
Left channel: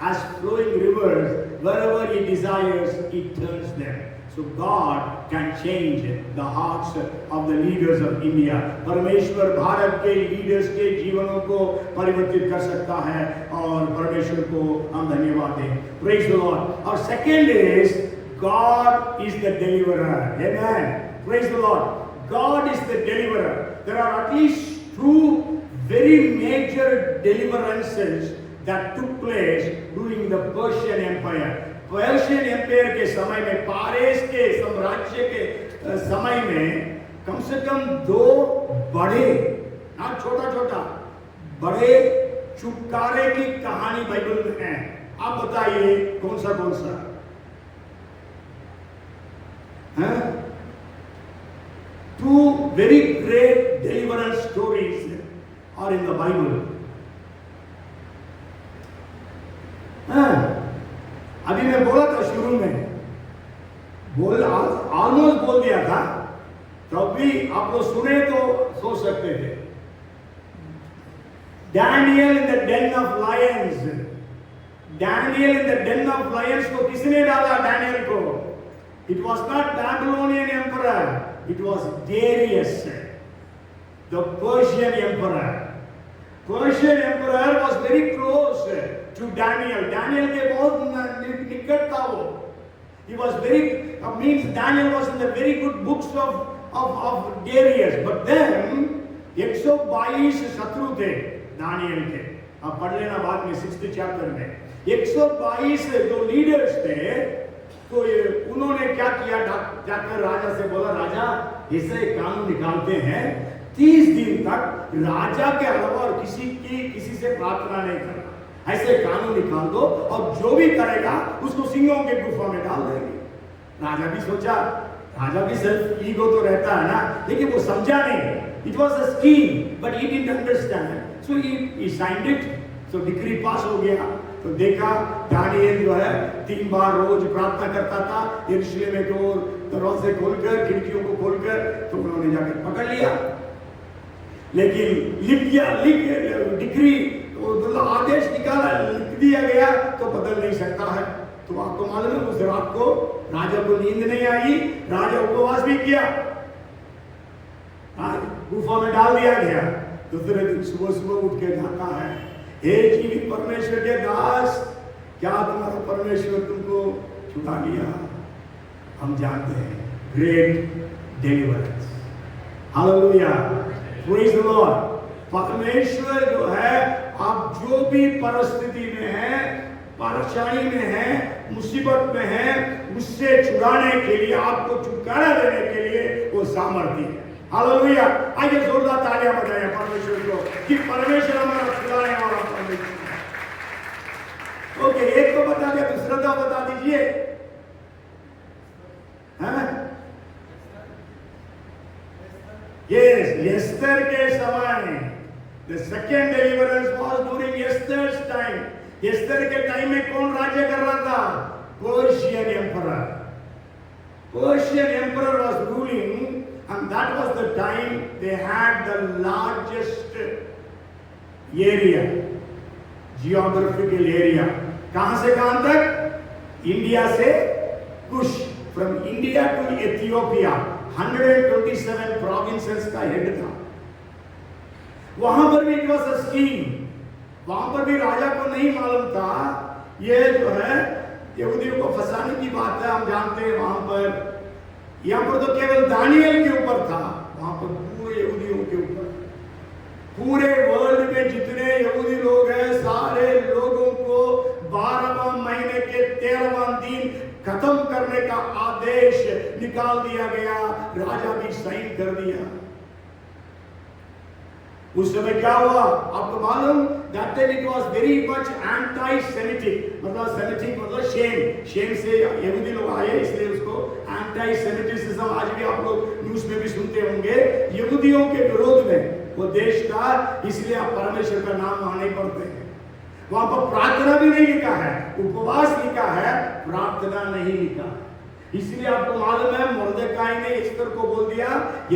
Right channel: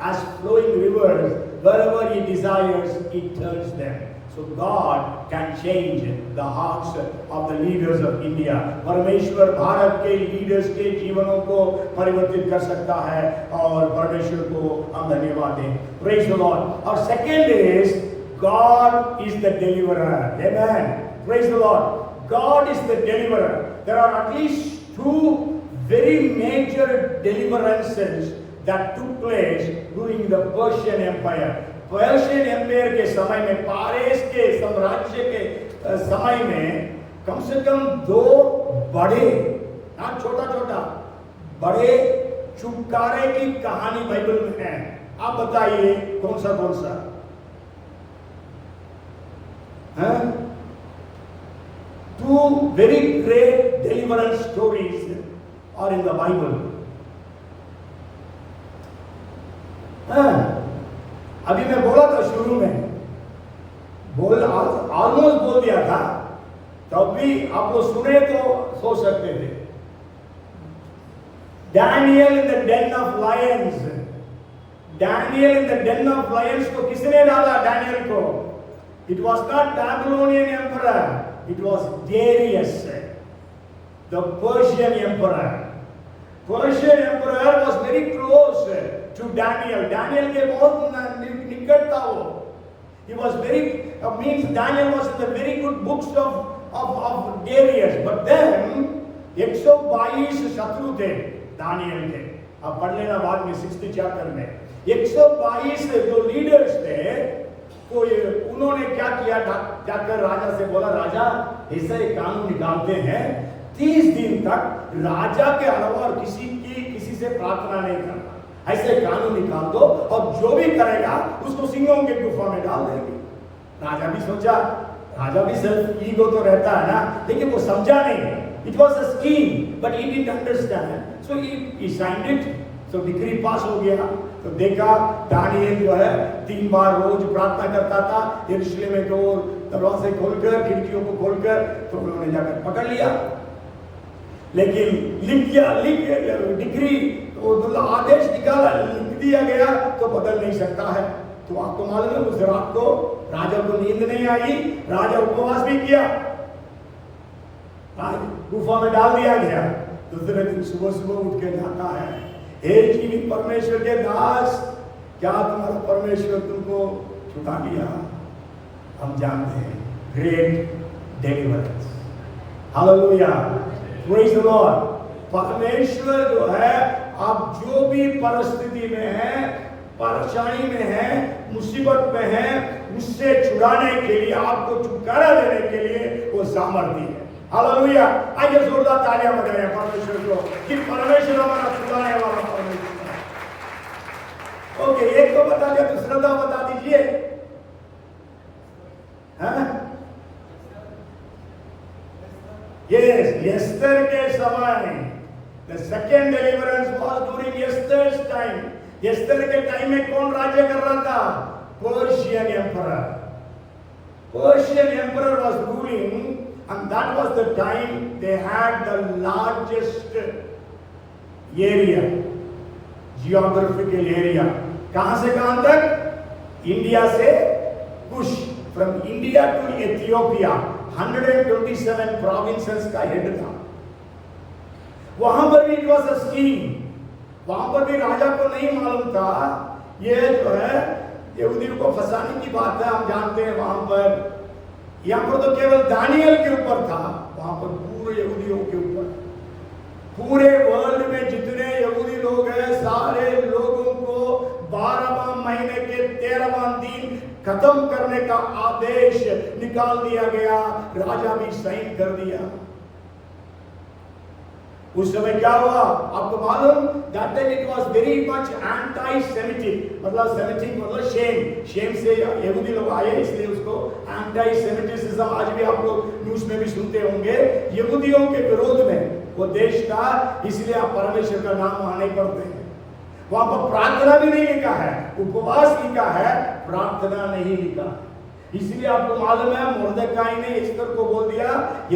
as flowing rivers, wherever He desires He turns them. So God can change the hearts of the leaders of India. परमेश्वर भारत के leaders के जीवनों को परिवर्तित कर सकता है और परमेश्वर को हम धन्यवाद दें। Praise the Lord. Our second is God is the deliverer. Amen. Praise the Lord. God is the deliverer. There are at least 2 very major deliverances that took place during the Persian Empire. Persian empire के समय में, पारस के साम्राज्य के समय में कम से कम 2 बड़े, छोटा छोटा बड़े छुटकारे की कहानी बाइबल में है। आप बताइए कौन सा है? 2 very great deliverance stories are in the Bible. अभी मैं बोला था शुरू में, ऑलमोस्ट बोल दिया था, तब भी आप लोग सुने तो सोच सकते थे। Daniel in the den of lions, Daniel in the den of lions को किसने डाला? डैनियल को। It was not Babylonian emperor, it was Darius the Persian emperor. Persian emperor was very close to Daniel. Daniel के बहुत निकट था वो. He was very means Daniel was in the very good books of Darius. But then 122 शत्रु थे Daniel के. आप पढ़ लेना बाद में 6th चैप्टर में. 122 जो लीडर्स थे, तो उन्होंने क्या किया, जाकर राजा से बोला, राजा ऐसा एक कानून निकालते हैं 30 दिन तक राजा के अलावा किसी से प्रार्थना नहीं करना, ऐसे कानून निकाल दो और जो भी करेगा उसको सिंहों के गुफा में डाल देंगे. राजा भी सोचा, राजा भी सिर्फ ईगो तो रहता है ना, लेकिन वो समझा नहीं. It was a scheme but he didn't understand, so he signed it. तो डिक्री पास हो गया. तो देखा दानियल जो है 3 बार रोज प्रार्थना करता था यरूशलेम में, डोर दरवाजे खोलकर, खिड़कियों को खोलकर. तो उन्होंने जाकर पकड़ लिया, लेकिन डिक्री मतलब आदेश निकाला, लिख दिया गया तो बदल नहीं सकता है. तो आपको मालूम है उस रात को राजा को नींद नहीं आई, राजा उपवास भी किया, गुफा में डाल दिया गया. दूसरे दिन सुबह उठ के जाता है, हे जीवित परमेश्वर के दास, क्या तुम्हारा परमेश्वर तुमको छुड़ा लिया? हम जानते हैं, great deliverance. Hallelujah, praise the Lord. परमेश्वर जो है, आप जो भी परिस्थिति में है, परेशानी में है, मुसीबत में है, उससे छुड़ाने के लिए, आपको छुटकारा देने के लिए वो सामर्थ्य है. हालेलुया. आइए जोरदार तालियां बजाएं परमेश्वर को कि परमेश्वर हमारा छुड़ाने वाला परमेश्वर है. ओके, एक तो बता दिया, दूसरा तो बता दीजिए. यस, एस्तर के समय the second deliverance was during Esther's time. Esther के टाइम में कौन राज्य कर रहा था? Persian emperor. Persian emperor was ruling, and that was the time they had the largest area, geographical area. कहां से कहां तक? इंडिया से कुश, from India to Ethiopia, 127 provinces का हेड था. वहां पर भी was a scheme. वहां पर भी राजा को नहीं मालूम था, ये जो है यहूदियों को फंसाने की बात है. हम जानते हैं वहां पर, यहाँ पर तो केवल दानियल के ऊपर था, वहां पर पूरे यहूदियों के ऊपर, पूरे वर्ल्ड में जितने यहूदी लोग हैं, सारे लोगों को 12वां महीने के 13वां दिन खत्म करने का आदेश निकाल दिया गया. राजा भी साइन कर दिया. उस समय क्या हुआ आपको मालूम? That time it was very much anti-Semitic, मतलब Semitic मतलब शेम से यहूदी लोग आए, इसलिए उसको anti-Semitism आज भी आप लोग न्यूज़ में भी सुनते होंगे. यहूदियों के विरोध में वो देश था, इसलिए आप परमेश्वर का नाम वहां नहीं पढ़ते हैं. वहां पर प्रार्थना भी नहीं लिखा है, उपवास लिखा है, प्रार्थना नहीं लिखा. इसलिए आपको मालूम है मुर्दकाई ने एस्तर को बोल दिया,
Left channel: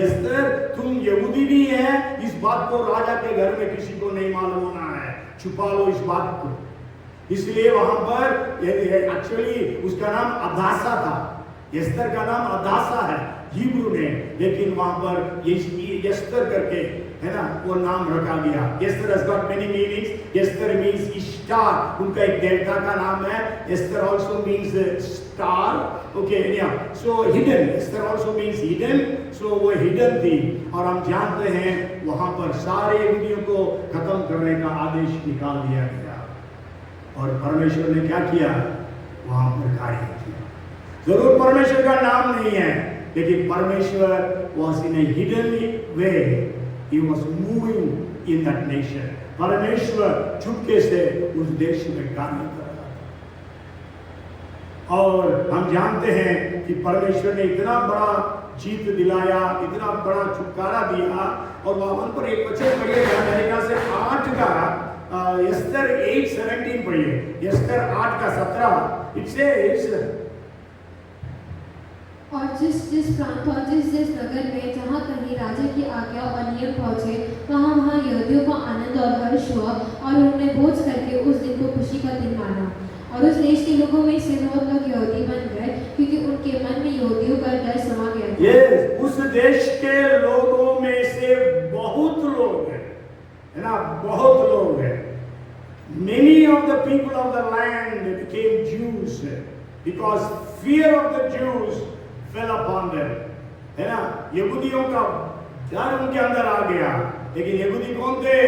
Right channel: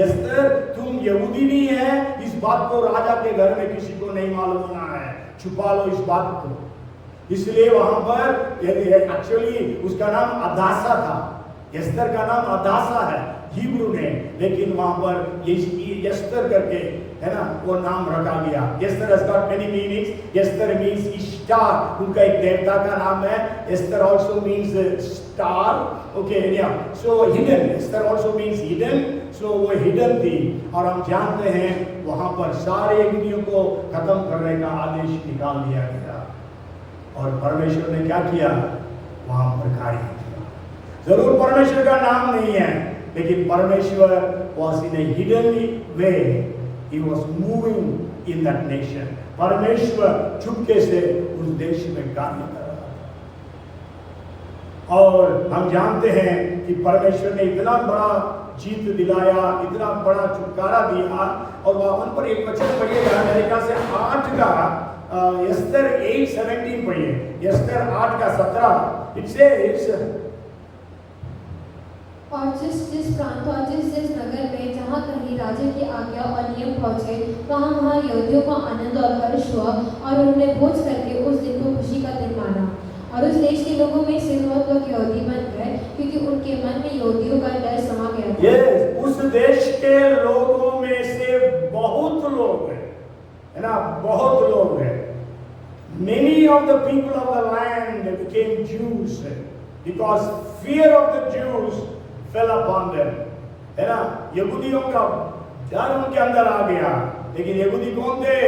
एस्तर तुम यहूदी भी है, इस बात को राजा के घर में किसी को नहीं मालूम होना है, छुपा लो इस बात को. इसलिए वहां पर एक्चुअली उसका नाम अदासा था. एस्तर का नाम अदासा है हिब्रू में, लेकिन वहां पर एस्तर करके है ना वो नाम रखा गया. Esther has got many meanings. Esther means star, उनका एक देवता का नाम है. Esther also means star. Okay, yeah. So hidden. Esther also means hidden. So वो hidden थी. और हम जानते हैं वहां पर सारे यहूदियों को खत्म करने का आदेश निकाल दिया गया. और परमेश्वर ने क्या किया? वहां पर कार्य किया. जरूर परमेश्वर का नाम नहीं है, लेकिन परमेश्वर was in a hidden way. He was moving in that nation. परमेश्वर चुपके से उस देश में कार्य कर रहा था. और हम जानते हैं कि परमेश्वर ने इतना बड़ा जीत दिलाया, इतना बड़ा छुटकारा दिया. और वहां पर एक वचन पढ़िए अमेरिका से 8 का एस्तर 8:17 पढ़िए. एस्तर 8 का 17 इट सेज, और जिस प्रांत और जिस नगर में जहाँ कहीं राजा की आज्ञा और नियम पहुँचे, वहाँ यहूदियों को आनंद और हर्ष हुआ, और उन्होंने भोज करके उस दिन को खुशी का दिन माना. और उस देश के लोगों में से बहुत लोग यहूदी बन गए, क्योंकि उनके मन में यहूदियों का डर समा गया था. yes, उस देश के लोगों में से बहुत लोग है ना, बहुत Jews, because fear of the Jews fell upon them. है ना, यहूदियों का डर उनके अंदर आ गया। लेकिन यहूदी कौन थे?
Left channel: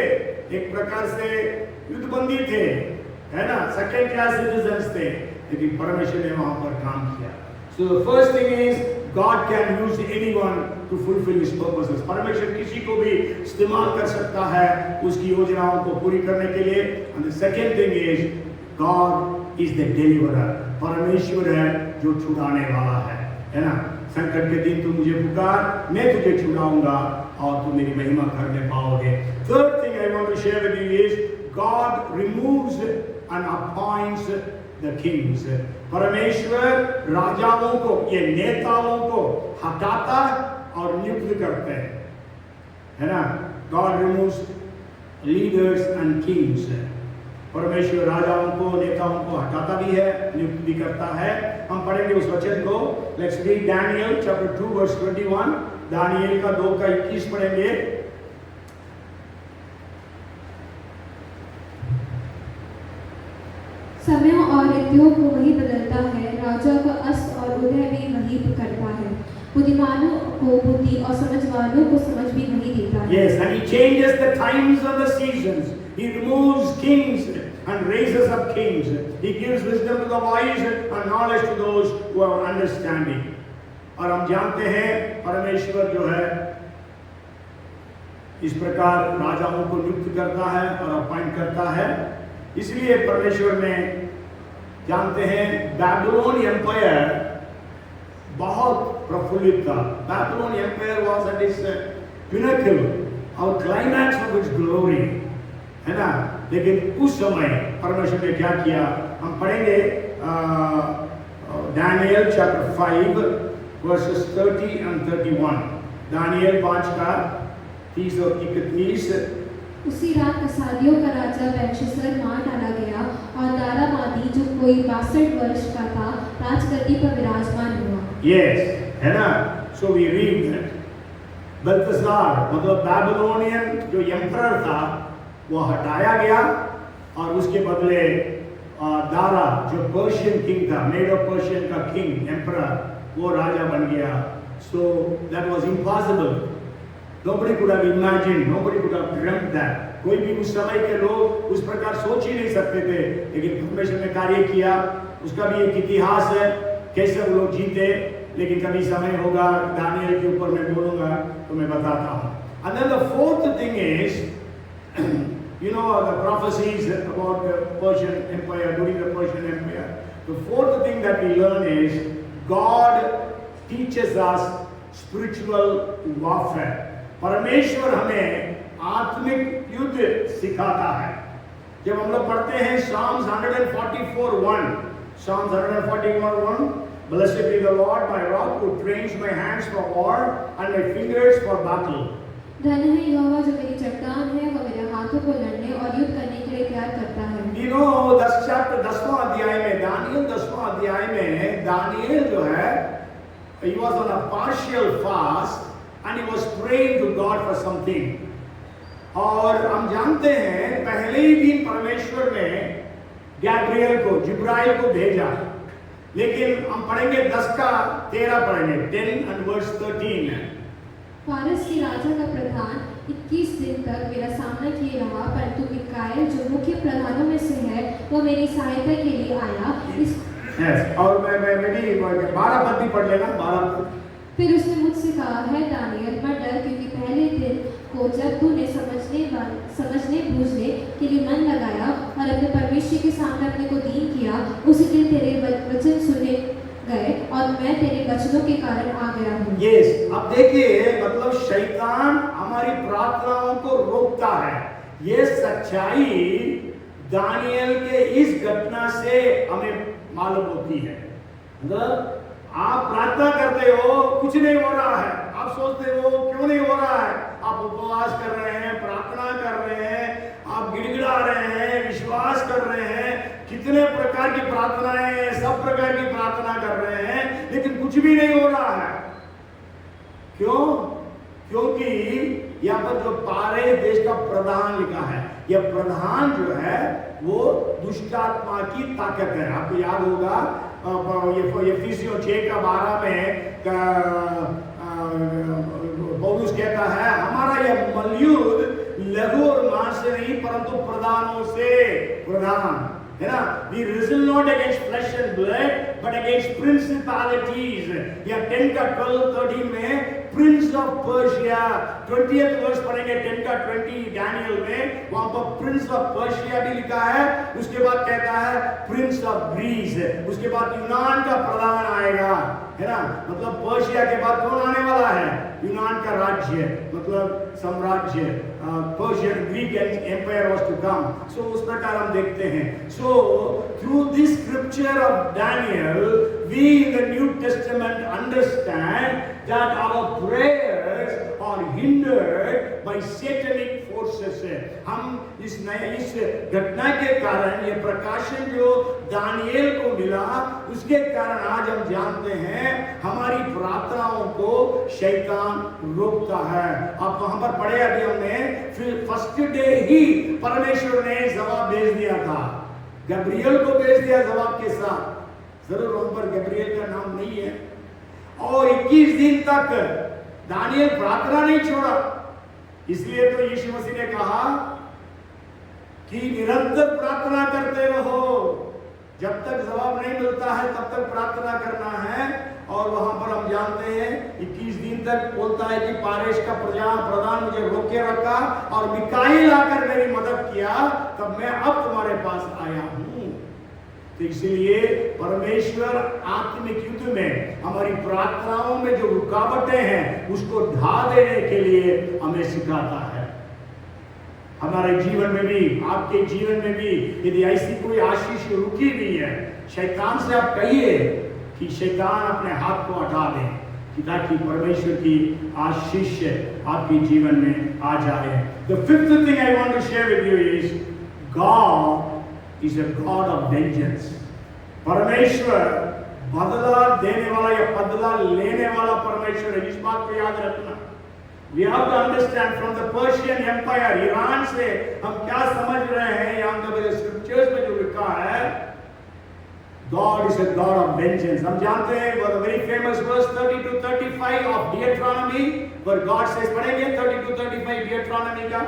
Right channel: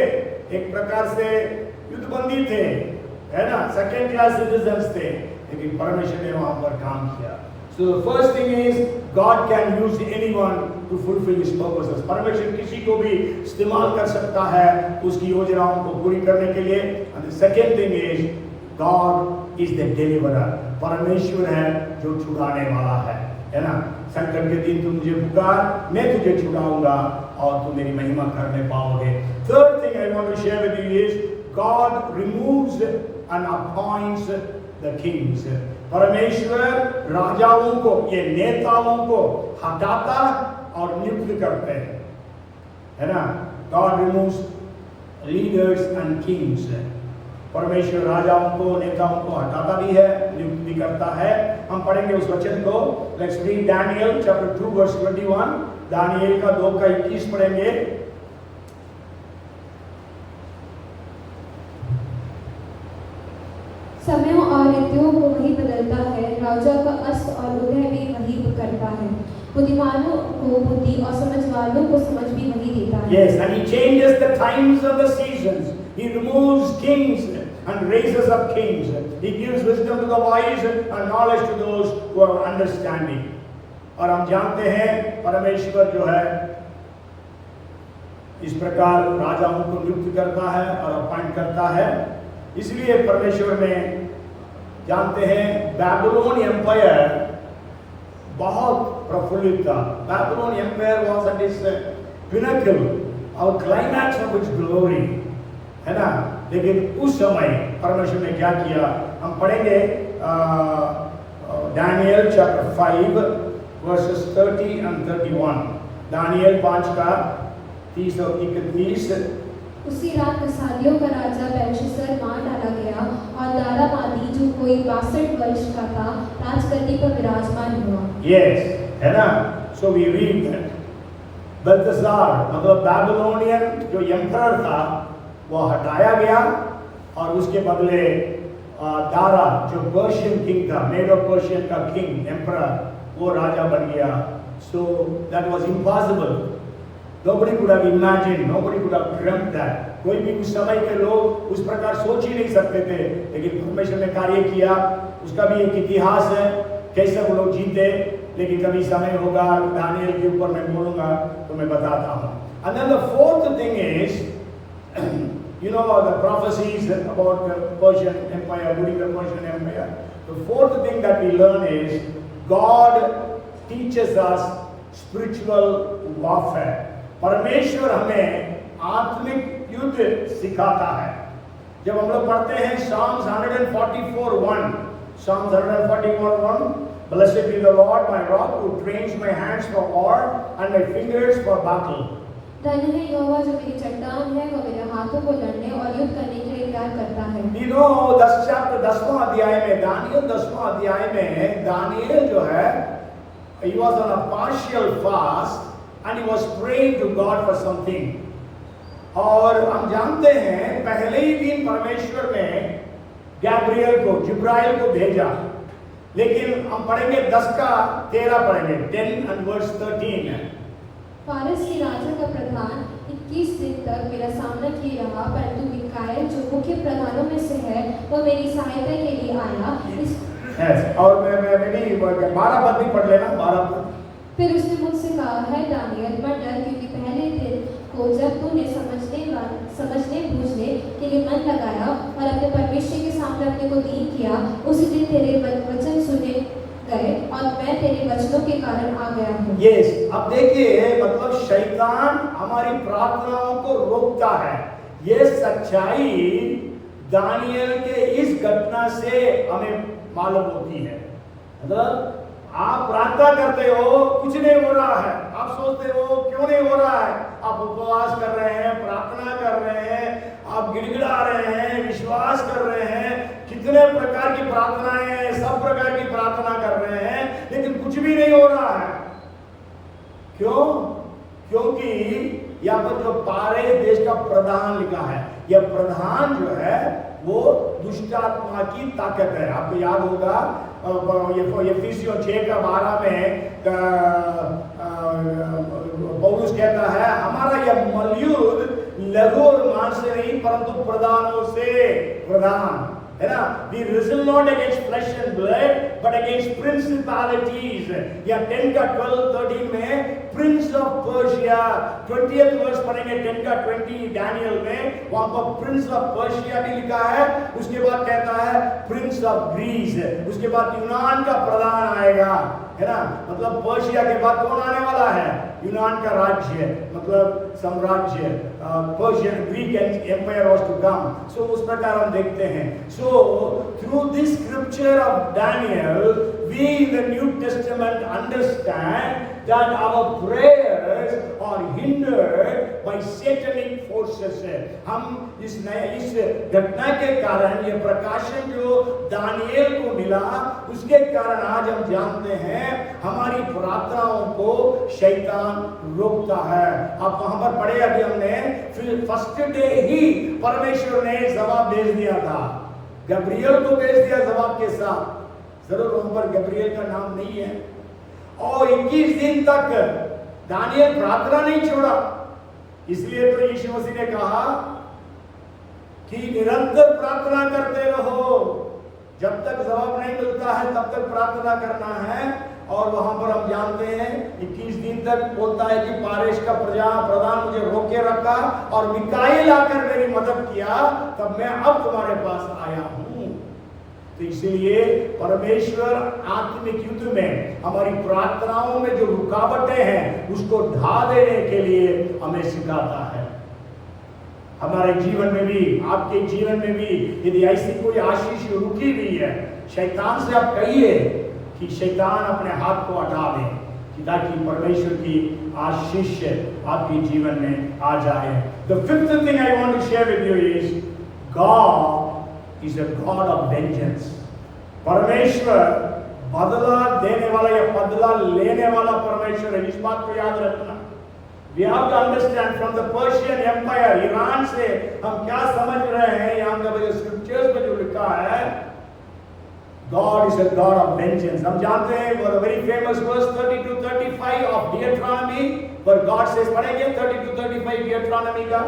एक प्रकार से युद्धबंदी थे, है ना, सेकेंड क्लास सिटीजन्स थे, लेकिन परमेश्वर ने वहां पर काम किया। So the first thing is God can use anyone to fulfill His purposes. परमेश्वर किसी को भी इस्तेमाल कर सकता है उसकी योजनाओं को पूरी करने के लिए। And the second thing is God is the deliverer. परमेश्वर है जो छुड़ाने वाला है ना। संकट के दिन तू मुझे पुकार, मैं तुझे छुड़ाऊंगा और तू मेरी महिमा करने पाओगे। Third thing I want to share with you is God removes and appoints the kings. परमेश्वर राजाओं को, ये नेताओं को हटाता और नियुक्त करते हैं, है ना। God removes leaders and kings. परमेश्वर राजाओं को, नेताओं को हटाता भी है, नियुक्त भी करता है। हम पढ़ेंगे उस वचन को। Let's read Daniel chapter 2 verse 21. Daniel का 2 का 21 पढ़ेंगे। समयों और ऋतुओं को वही बदलता है, राजा का अस्त और उदय भी वही करता है, बुद्धिमानों को बुद्धि और समझवालों को समझ भी वही देता है। Yes, and He changes the times of the seasons. He removes kings and raises up kings. He gives wisdom to the wise and knowledge to those who are understanding. और हम जानते हैं परमेश्वर जो है इस प्रकार राजाओं को नियुक्त करता है और अपॉइंट करता है। इसलिए परमेश्वर ने, जानते हैं, बैबिलोन एम्पायर बहुत प्रफुल्लित था। Babylon empire was at its pinnacle और क्लाइमैक्स ऑफ इट्स ग्लोरी, है ना। लेकिन उस समय परमेश्वर ने क्या किया, हम पढ़ेंगे Daniel chapter 5 verses 30 and 31। Daniel 5 का 30 और 31। उसी रात कसादियों का राजा बेलशस्सर मार डाला गया और दारामादी जो कोई 62 वर्ष का था राजगद्दी पर विराजमान हुआ। Yes, है ना। So we read that बेल्तशार मतलब बैबिलोनियन जो एम्परर था वो हटाया गया और उसके बदले दारा जो पर्शियन किंग था, मेडो पर्शियन का किंग एम्परर, वो राजा बन गया। So that was impossible. Nobody could have imagined, nobody could have dreamt that. कोई भी उस समय के लोग उस प्रकार सोच ही नहीं सकते थे, लेकिन परमेश्वर ने कार्य किया। उसका भी एक इतिहास है, कैसे वो लोग जीते। लेकिन कभी समय होगा दानियल के ऊपर मैं बोलूंगा तो मैं बताता हूँ। And then the fourth thing is, you know the prophecies about the Persian Empire, during the Persian Empire. The fourth thing that we learn is God teaches us spiritual warfare. परमेश्वर हमें आत्मिक युद्ध सिखाता है। जब हम लोग पढ़ते हैं Psalms 144:1, Psalms 144:1, Blessed be the Lord my rock who trains my hands for war and my fingers for battle. धन्य है यहोवा जो मेरी चट्टान है, वो मेरे हाथों को लड़ने और युद्ध करने के लिए तैयार करता है। You know 10वां अध्याय में, दानियल 10वां अध्याय में दानियल जो है, he was on a partial fast and he was praying to God for something. और हम जानते हैं पहले ही दिन परमेश्वर ने गैब्रियल को, जिब्राइल को भेजा। लेकिन हम पढ़ेंगे 10 का 13 पढ़ेंगे, 10 and verse 13 है। फारस के राजा का प्रधान 21 दिन तक मेरा सामना किए रहा, परंतु मिकाएल जो मुख्य प्रधानों में से है वो मेरी सहायता के लिए आया। और मैं भी 12 पद भी पढ़ लेना, 12 पद। फिर उसने मुझसे कहा, है दानियल मत डर, क्योंकि पहले दिन को जब तूने समझने बूझने के लिए मन लगाया और अपने परमेश्वर के सामने अपने को दीन किया, उसी दिन तेरे वचन सुने गए और मैं तेरे वचनों के कारण आ गया हूँ। Yes, अब देखिए मतलब शैतान हमारी प्रार्थनाओं को रोकता है। ये सच्चाई दानियल के इस घटना से हमें मालूम होती है। मतलब आप प्रार्थना करते हो, कुछ नहीं हो रहा है, आप सोचते हो क्यों नहीं हो रहा है, आप उपवास कर रहे हैं, प्रार्थना कर रहे हैं, आप गिड़गिड़ा रहे हैं, विश्वास कर रहे हैं, कितने प्रकार की प्रार्थनाएं, सब प्रकार की प्रार्थना कर रहे हैं, लेकिन कुछ भी नहीं हो रहा है। क्यों? क्योंकि यहाँ पर जो पारे देश का प्रधान लिखा है, यह प्रधान जो है वो दुष्ट आत्मा की ताकत है। आपको याद होगा एफिसियों 6:12 में पौलुस कहता है हमारा यह मलयुद्ध लघु और मांस से नहीं परंतु प्रधानों से प्रधान है ना। We wrestle not against flesh and blood but against principalities। या 10 का 12 13 में प्रिंस ऑफ पर्शिया 20th वर्ष पढ़ेंगे 10 का 20 डैनियल में, वहां पर प्रिंस ऑफ पर्शिया भी लिखा है। उसके बाद कहता है प्रिंस ऑफ ग्रीस, उसके बाद यूनान का प्रधान आएगा है ना। मतलब पर्शिया के बाद कौन आने वाला है? यूनान का राज्य, मतलब साम्राज्य, Persian Greek empire was to come. So उस प्रकार हम देखते हैं। So through this scripture of Daniel we in the New Testament understand that our prayers are hindered by satanic forces। हम इस घटना के कारण, ये प्रकाशन जो दानिएल को मिला उसके कारण आज हम जानते हैं हमारी प्रार्थनाओं को शैतान रोकता है। अब वहां पर पढ़े अभी हमने, फिर फर्स्ट डे ही परमेश्वर ने जवाब भेज दिया था, गब्रियल को भेज दिया जवाब के साथ। जरूर वहां पर गब्रियल का नाम नहीं है। और 21 दिन तक दानियल प्रार्थना नहीं छोड़ा। इसलिए तो यीशु मसीह ने कहा कि निरंतर प्रार्थना करते रहो, जब तक जवाब नहीं मिलता है तब तक प्रार्थना करना है। और वहां पर हम जानते हैं 21 दिन तक बोलता है कि पारेश का प्रधान मुझे रोके रखा और मिकाएल आकर मेरी मदद किया, तब मैं अब तुम्हारे पास आया हूं। तो इसीलिए परमेश्वर आत्मिक युद्ध में हमारी प्रार्थनाओं में जो रुकावटें हैं उसको ढा देने के लिए हमें सिखाता है। हमारे जीवन में भी, आपके जीवन में भी यदि ऐसी कोई आशीष रुकी हुई है, शैतान से आप कहिए कि शैतान अपने हाथ को हटा दे कि ताकि परमेश्वर की आशीष आपके जीवन में आ जाए। The fifth thing I want to share with you is God is a God of vengeance। परमेश्वर बदला देने वाला या बदला लेने वाला परमेश्वर है। इस बात को याद रखना। We have to understand from the Persian Empire, Iran से हम क्या समझ रहे हैं, यहाँ के स्क्रिप्चर्स में जो लिखा है God is a God of vengeance। हम जानते हैं वो very famous verse 30 to 35 of Deuteronomy, पर God says, पढ़ेंगे 30 to 35 Deuteronomy का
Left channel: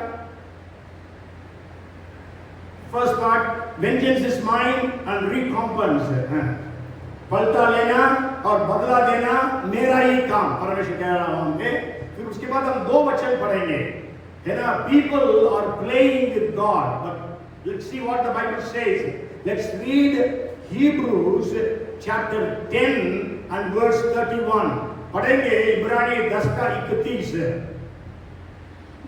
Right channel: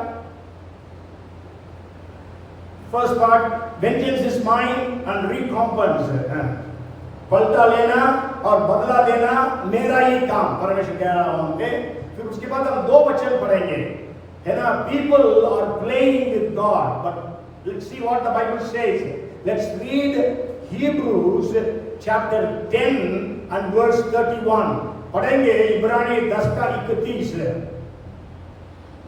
first part, vengeance is mine and recompense। पलटा लेना और बदला देना मेरा ही काम, परमेश्वर कह रहा हूं हमके। फिर उसके बाद हम 2 वचन पढ़ेंगे है ना। People are playing with God, but let's see what the Bible says। Let's read Hebrews chapter 10 and verse 31। पढ़ेंगे इब्रानी 10 का 31।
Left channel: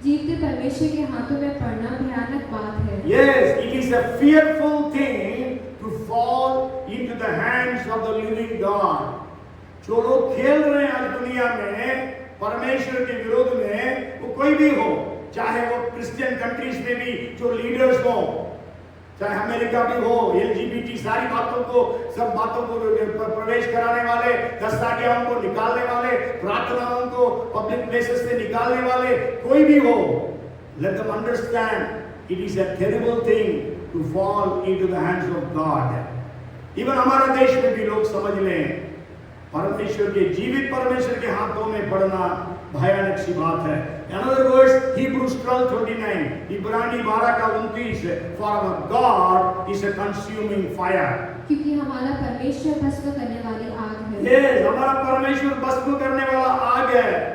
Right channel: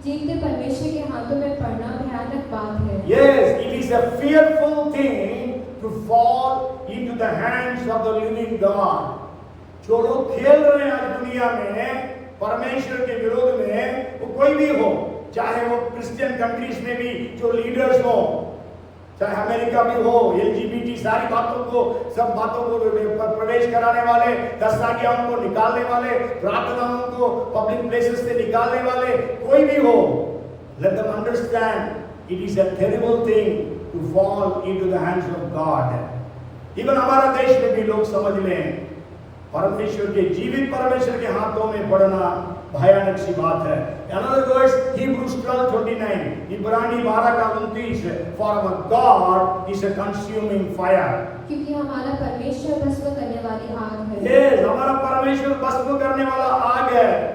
जीवते परमेश्वर के हाथों में पड़ना भयानक बात है। Yes, it is a fearful thing to fall into the hands of the living God। जो लोग खेल रहे हैं आज दुनिया में परमेश्वर के विरोध में, वो कोई भी हो, चाहे वो क्रिश्चियन कंट्रीज में भी जो लीडर्स हो, चाहे अमेरिका भी हो, LGBT सारी बातों को, सब बातों को प्रवेश कराने वाले, 10 आज्ञाओं को निकालने वाले, प्रार्थनाओं को पब्लिक प्लेसेस से निकालने वाले, कोई भी हो, let them understand it is a terrible thing to fall into the hands of God। Even हमारे देश में भी लोग समझ लें परमेश्वर के, जीवित परमेश्वर के हाथों में पड़ना भयानक सी बात है। Another verse, Hebrews 12:29, इब्रानी 12 का 29, for our God is a consuming fire। क्योंकि हमारा परमेश्वर भस्म करने वाली आग है। Yes, हमारा परमेश्वर भस्म करने वाला आग है।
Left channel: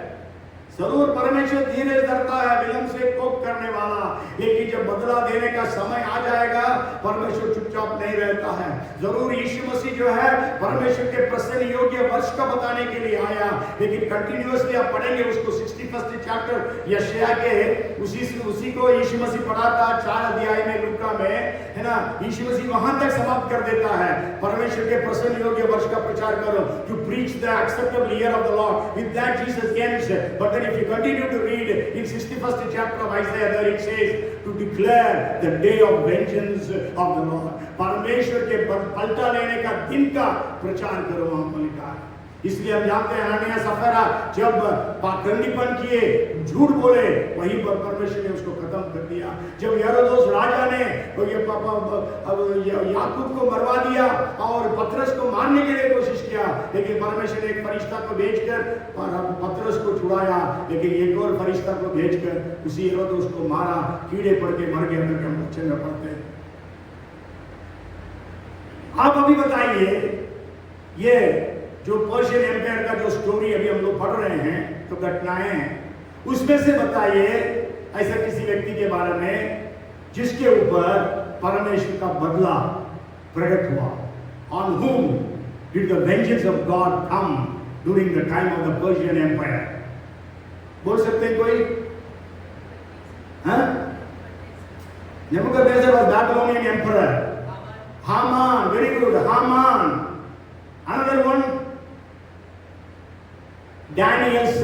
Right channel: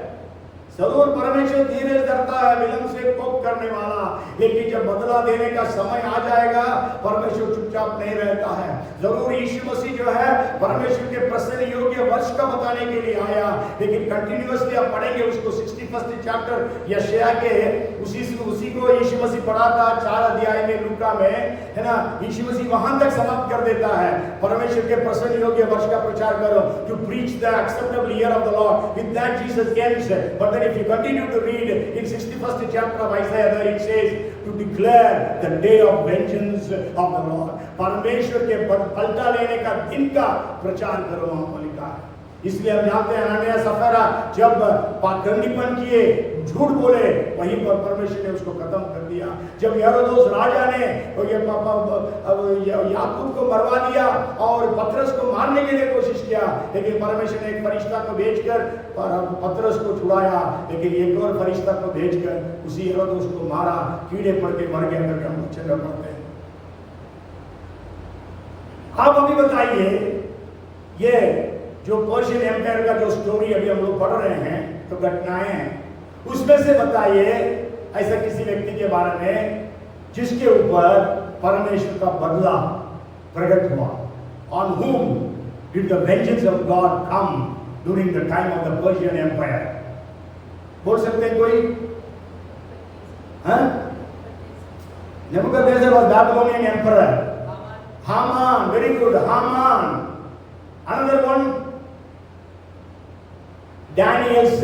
जरूर परमेश्वर धीरे धरता है, विलंब से कोप करने वाला, लेकिन जब बदला देने का समय आ जाएगा परमेश्वर चुपचाप नहीं रहता है। जरूर यीशु मसीह जो है परमेश्वर के प्रसन्न योग्य वर्ष का बताने के लिए आया, लेकिन कंटिन्यूअसली आप पढ़ेंगे उसको 61st चैप्टर यशायाह के उसी को यीशु मसीह पढ़ाता 4 अध्याय में लूका में, है ना। यीशु मसीह वहां तक समाप्त कर देता है, परमेश्वर के प्रसन्न योग्य वर्ष का प्रचार करो, to preach the acceptable year of the Lord. With that Jesus came, but then if you continue to read in 61st chapter of Isaiah, there it says to declare the day of vengeance of the Lord। परमेश्वर के पलटा लेने का दिन का प्रचार करो, वहां पर लिखा है। इसलिए हम जानते हैं हनन्याह सफरा जब पाखंडीपन किए, झूठ बोले, वहीं पर परमेश्वर ने उसको खत्म कर दिया। जब हेरोदेस राजा ने याकूब को मरवा दिया और पतरस को मारने के लिए कोशिश किया, लेकिन परमेश्वर ने एक फरिश्ता को भेजकर पतरस को छुड़ाया, लेकिन एक और फरिश्ता को भेजकर उसी हेरोदेस को मारा, कीड़े पड़ के मर गया। हम बच्चे में पढ़ते हैं। आप अभी बताइए, ये जो पर्शियन एम्पायर का जो स्टोरी अभी हम लोग पढ़ रहे हैं, तो घटनाएं हैं, उसमें से बताइए ऐसा किसी व्यक्ति के बारे में जिसके ऊपर परमेश्वर का बदला प्रकट हुआ। On whom did the vengeance of God come during the time of the Persian Empire? बोल सकते हैं कोई? हाँ? Nebuchadnezzar was Babylonian emperor. Haman, very good, Haman. Another one, Daniel's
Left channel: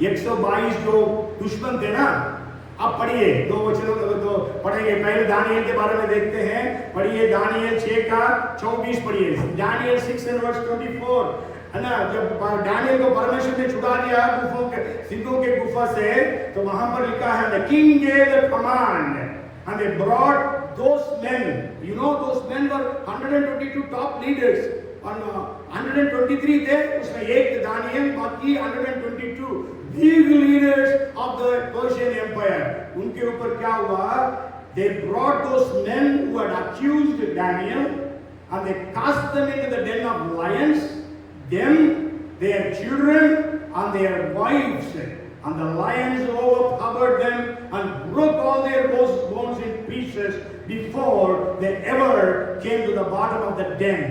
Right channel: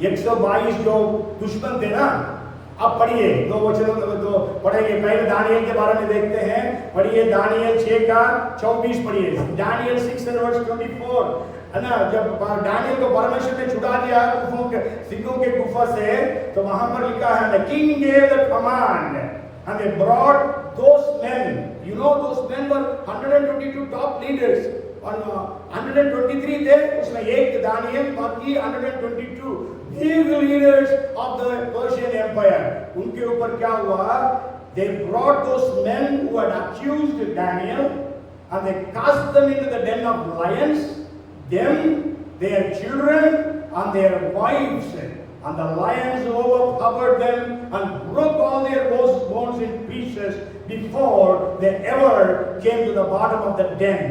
122 जो दुश्मन थे ना, अब पढ़िए, दो वचनों तो पढ़ेंगे। पहले दानियल के बारे में देखते हैं, पढ़िए दानियल 6 का 24 पढ़िए। दानियल 6 and verse 24 है ना। जब दानियल को परमेश्वर ने छुड़ा दिया सिंहों के गुफा से, तो वहां पर लिखा है the king gave the command and they brought those men, you know those men were 122 top leaders और 123 थे, उसमें एक दानियल, बाकी 122 big leaders of the Persian Empire। उनके ऊपर क्या हुआ? They brought those men who had accused Daniel and they cast them into the den of lions, them, their children and their wives, and the lions overpowered them and broke all their bones in pieces before they ever came to the bottom of the den।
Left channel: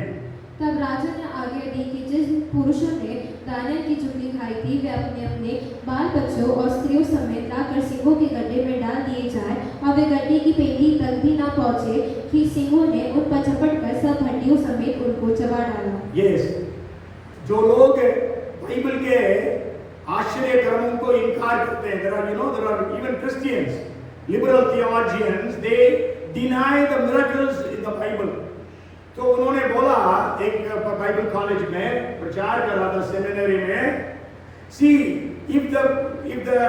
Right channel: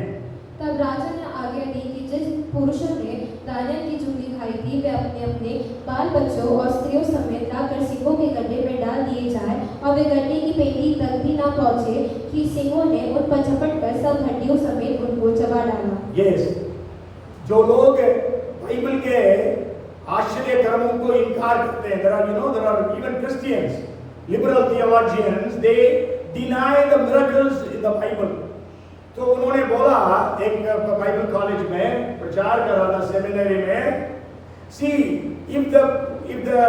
तब राजा ने आज्ञा दी कि जिस पुरुषों ने Daniel की चुंगी खाई थी, वे अपने अपने बाल बच्चों और स्त्रियों समेत लाकर सिंहों के गड्ढे में डाल दिए जाए, और वे गड्ढे की पेटी तक भी ना पहुंचे कि सिंहों ने उन पर झपट कर सब हड्डियों समेत उनको चबा डाला। Yes, जो लोग बाइबल के आश्चर्य कर्मों को इनकार करते हैं, there are even Christians, liberal theologians, they deny the miracles in the Bible। तो उन्होंने बोला, एक बाइबल कॉलेज में प्रचार कर रहा था, सेमिनरी में, see if the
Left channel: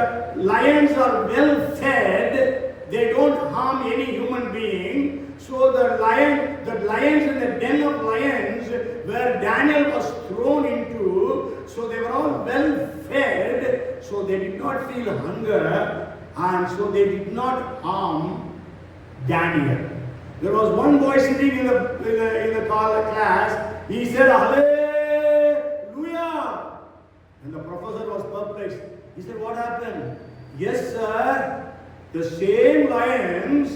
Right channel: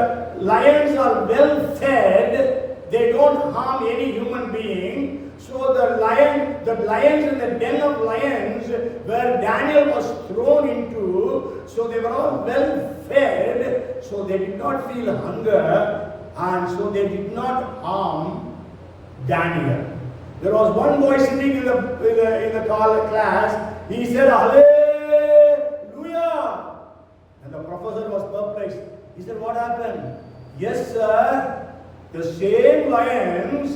lions are well fed, they don't harm any human being। So the lions in the den of lions where Daniel was thrown into, so they were all well fed, so they did not feel hunger and so they did not harm Daniel। There was one boy sitting in the class. He said, "Hallelujah!" And the professor was perplexed. He said, "What happened?" "Yes, sir. The same lions,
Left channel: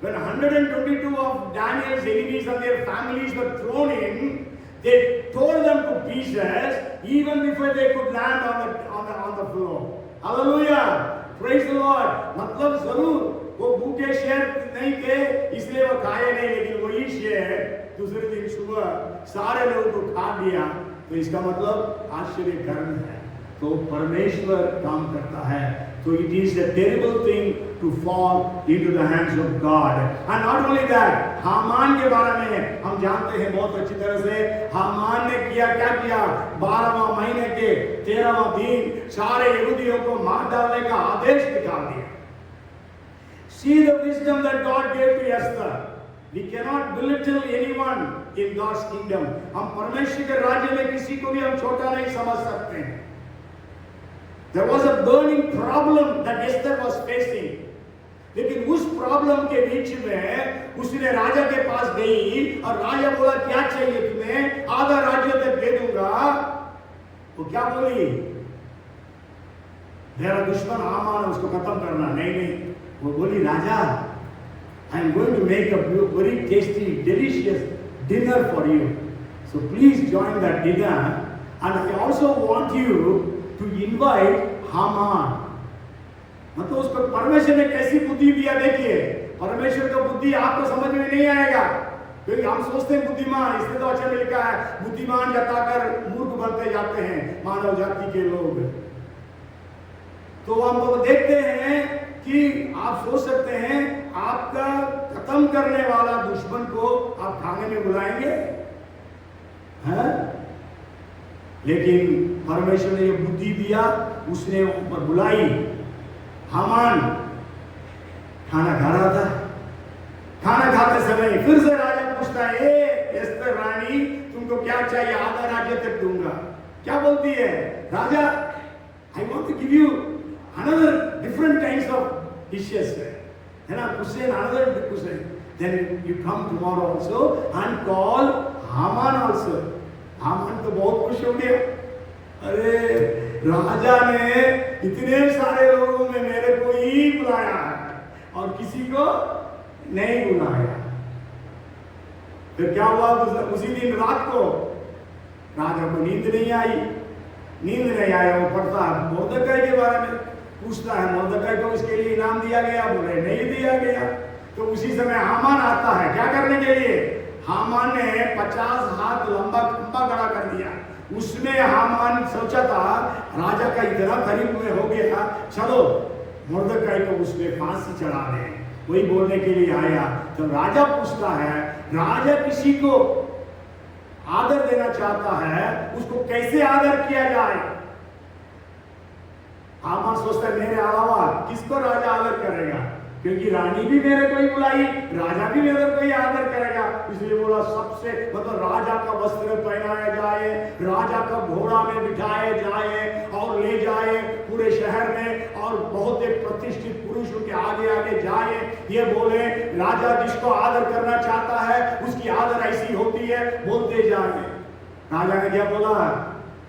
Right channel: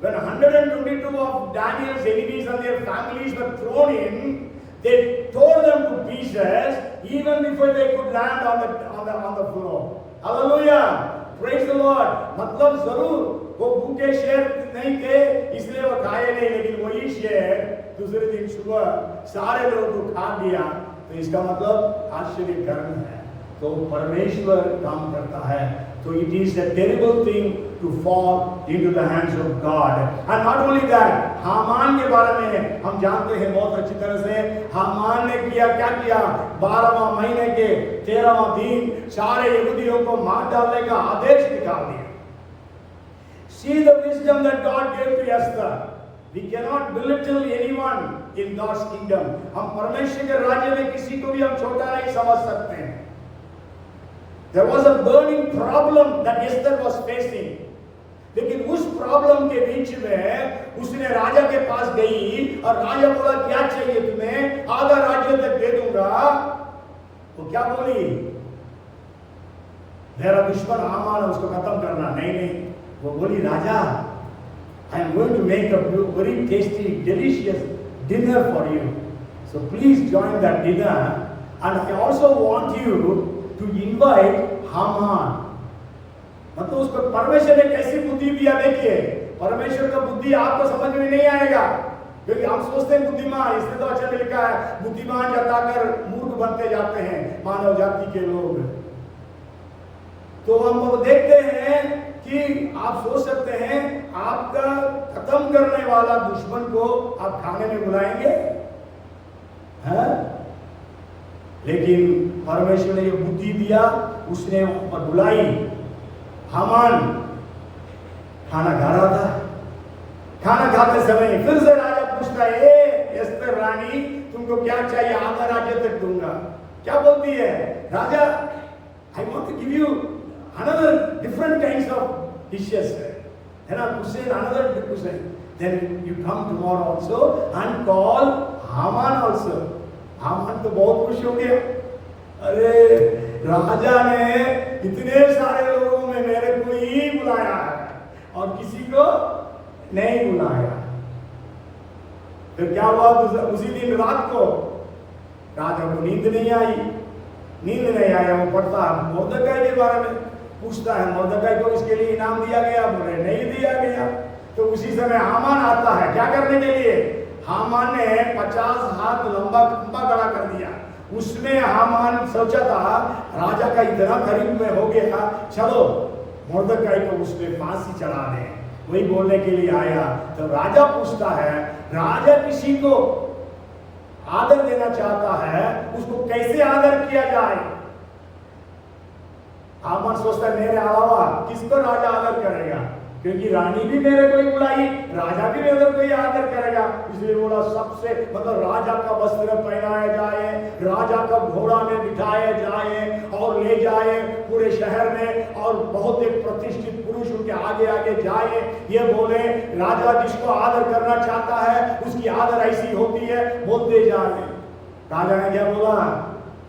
when 122 of Daniel's enemies and their families were thrown in, they tore them to pieces, even before they could land on the floor." Hallelujah! Praise the Lord. मतलब जरूर वो भूखे शेर नहीं थे, इसलिए वो खाए नहीं, लेकिन वही शेर दूसरे दिन सुबह सारे लोगों को खा लिया। तो इसका मतलब आश्चर्य कर्म है। तो परमेश्वर काम करता है। तो it is a terrible thing to fall into the hands of God। And not only that, Haman के बारे में हम जानते हैं बहुत अच्छी तरह से। हामान ने क्या किया? 12वां महीने के 13वां दिन सारे यहूदियों को मार डालने का आदेश निकाल दिया। See the wisdom that God gave to Esther। We cannot belittle anyone in God's kingdom। हम परमेश्वर के राज्य में किसी को भी हम छोटा नहीं समझ सकते हैं। There was a burning problem that Esther was facing। लेकिन उस प्रॉब्लम के बीच में उसने राजा के पास गई और राजा बोला, क्या चाहिए तुम्हें? आधा राज्य तक दे दूंगा। वो क्या बोली? मेरा दुश्मन हामान है, उसको खत्म करना। नहीं, वो बोली, राजा, I am going to make a very tasty, delicious dinner for you. So please join that dinner, and I also want you to invite Haman। मतलब उसको परमेश्वर ने कैसी बुद्धि दिया। देखिए, परमेश्वर का बुद्धि आपको समझ में नहीं आएगा, क्योंकि हम सोचते हैं बुद्धिमान, इसलिए तो अच्छा में लिखा है, बुद्धिमान जताकर मूर्ख बनते जाते हैं मानव जाति के लोग। तो हम देखते हैं कि आप सोच सकते हैं, आपका खत्म करने वाला दुश्मन को आप खाने में बुलाएंगे? हैं? लेकिन परमेश्वर ने ये बुद्धि दिया, उसने ऊपर बुलाई। हामान खाना खा रहा था। खाना खाते समय फिर से राजा पूछता है, एस्तर रानी, तुमको क्या चाहिए? आधा राज्य तक दूंगा। क्या बोलती है? Raja, I want to give you another different kinds of dishes, है ना, cushion, another cushion, then you come tomorrow also and call Haman also. Haman तो बहुत खुश हो गया। अरे, राजा ने इतने सारे लोगों में मेरे को ही बुलाया है और किसी को नहीं बुलाया। फिर क्या हुआ? उसी दिन रात को राजा को नींद नहीं आई। नींद नहीं आया, वो पढ़ता मोर्दकाई के बारे में, पूछता है मोर्दकाई को इसके लिए इनाम दिया गया? बोले नहीं दिया गया। तो उसी समय हामान आता है, क्या करने के लिए? हामान ने 50 हाथ लंबा खंबा खड़ा कर दिया। उसमें हामान सोचा था राजा का इतना करीब में हो गया, चलो मोर्दकाई को उसमें फांसी चढ़ा दे। वही बोलने के लिए आया। तो राजा पूछता है, राजा किसी को आदर देना चाहता है, उसको कैसे आदर किया जाए? हामान सोचता है मेरे अलावा किसको राजा आदर करेगा, क्योंकि रानी भी मेरे को ही बुलाई, राजा भी मेरे को ही आदर करेगा। इसलिए बोला सबसे मतलब राजा का वस्त्र पहनाया जाए, राजा का घोड़ा में बिठाया जाए और ले जाए पूरे शहर में, और बहुत एक प्रतिष्ठित पुरुष उनके आगे आगे जाए। ये बोले राजा जिसको आदर करना चाहता है उसकी आदर ऐसी होती है, बोलते जाए। राजा ने क्या बोला?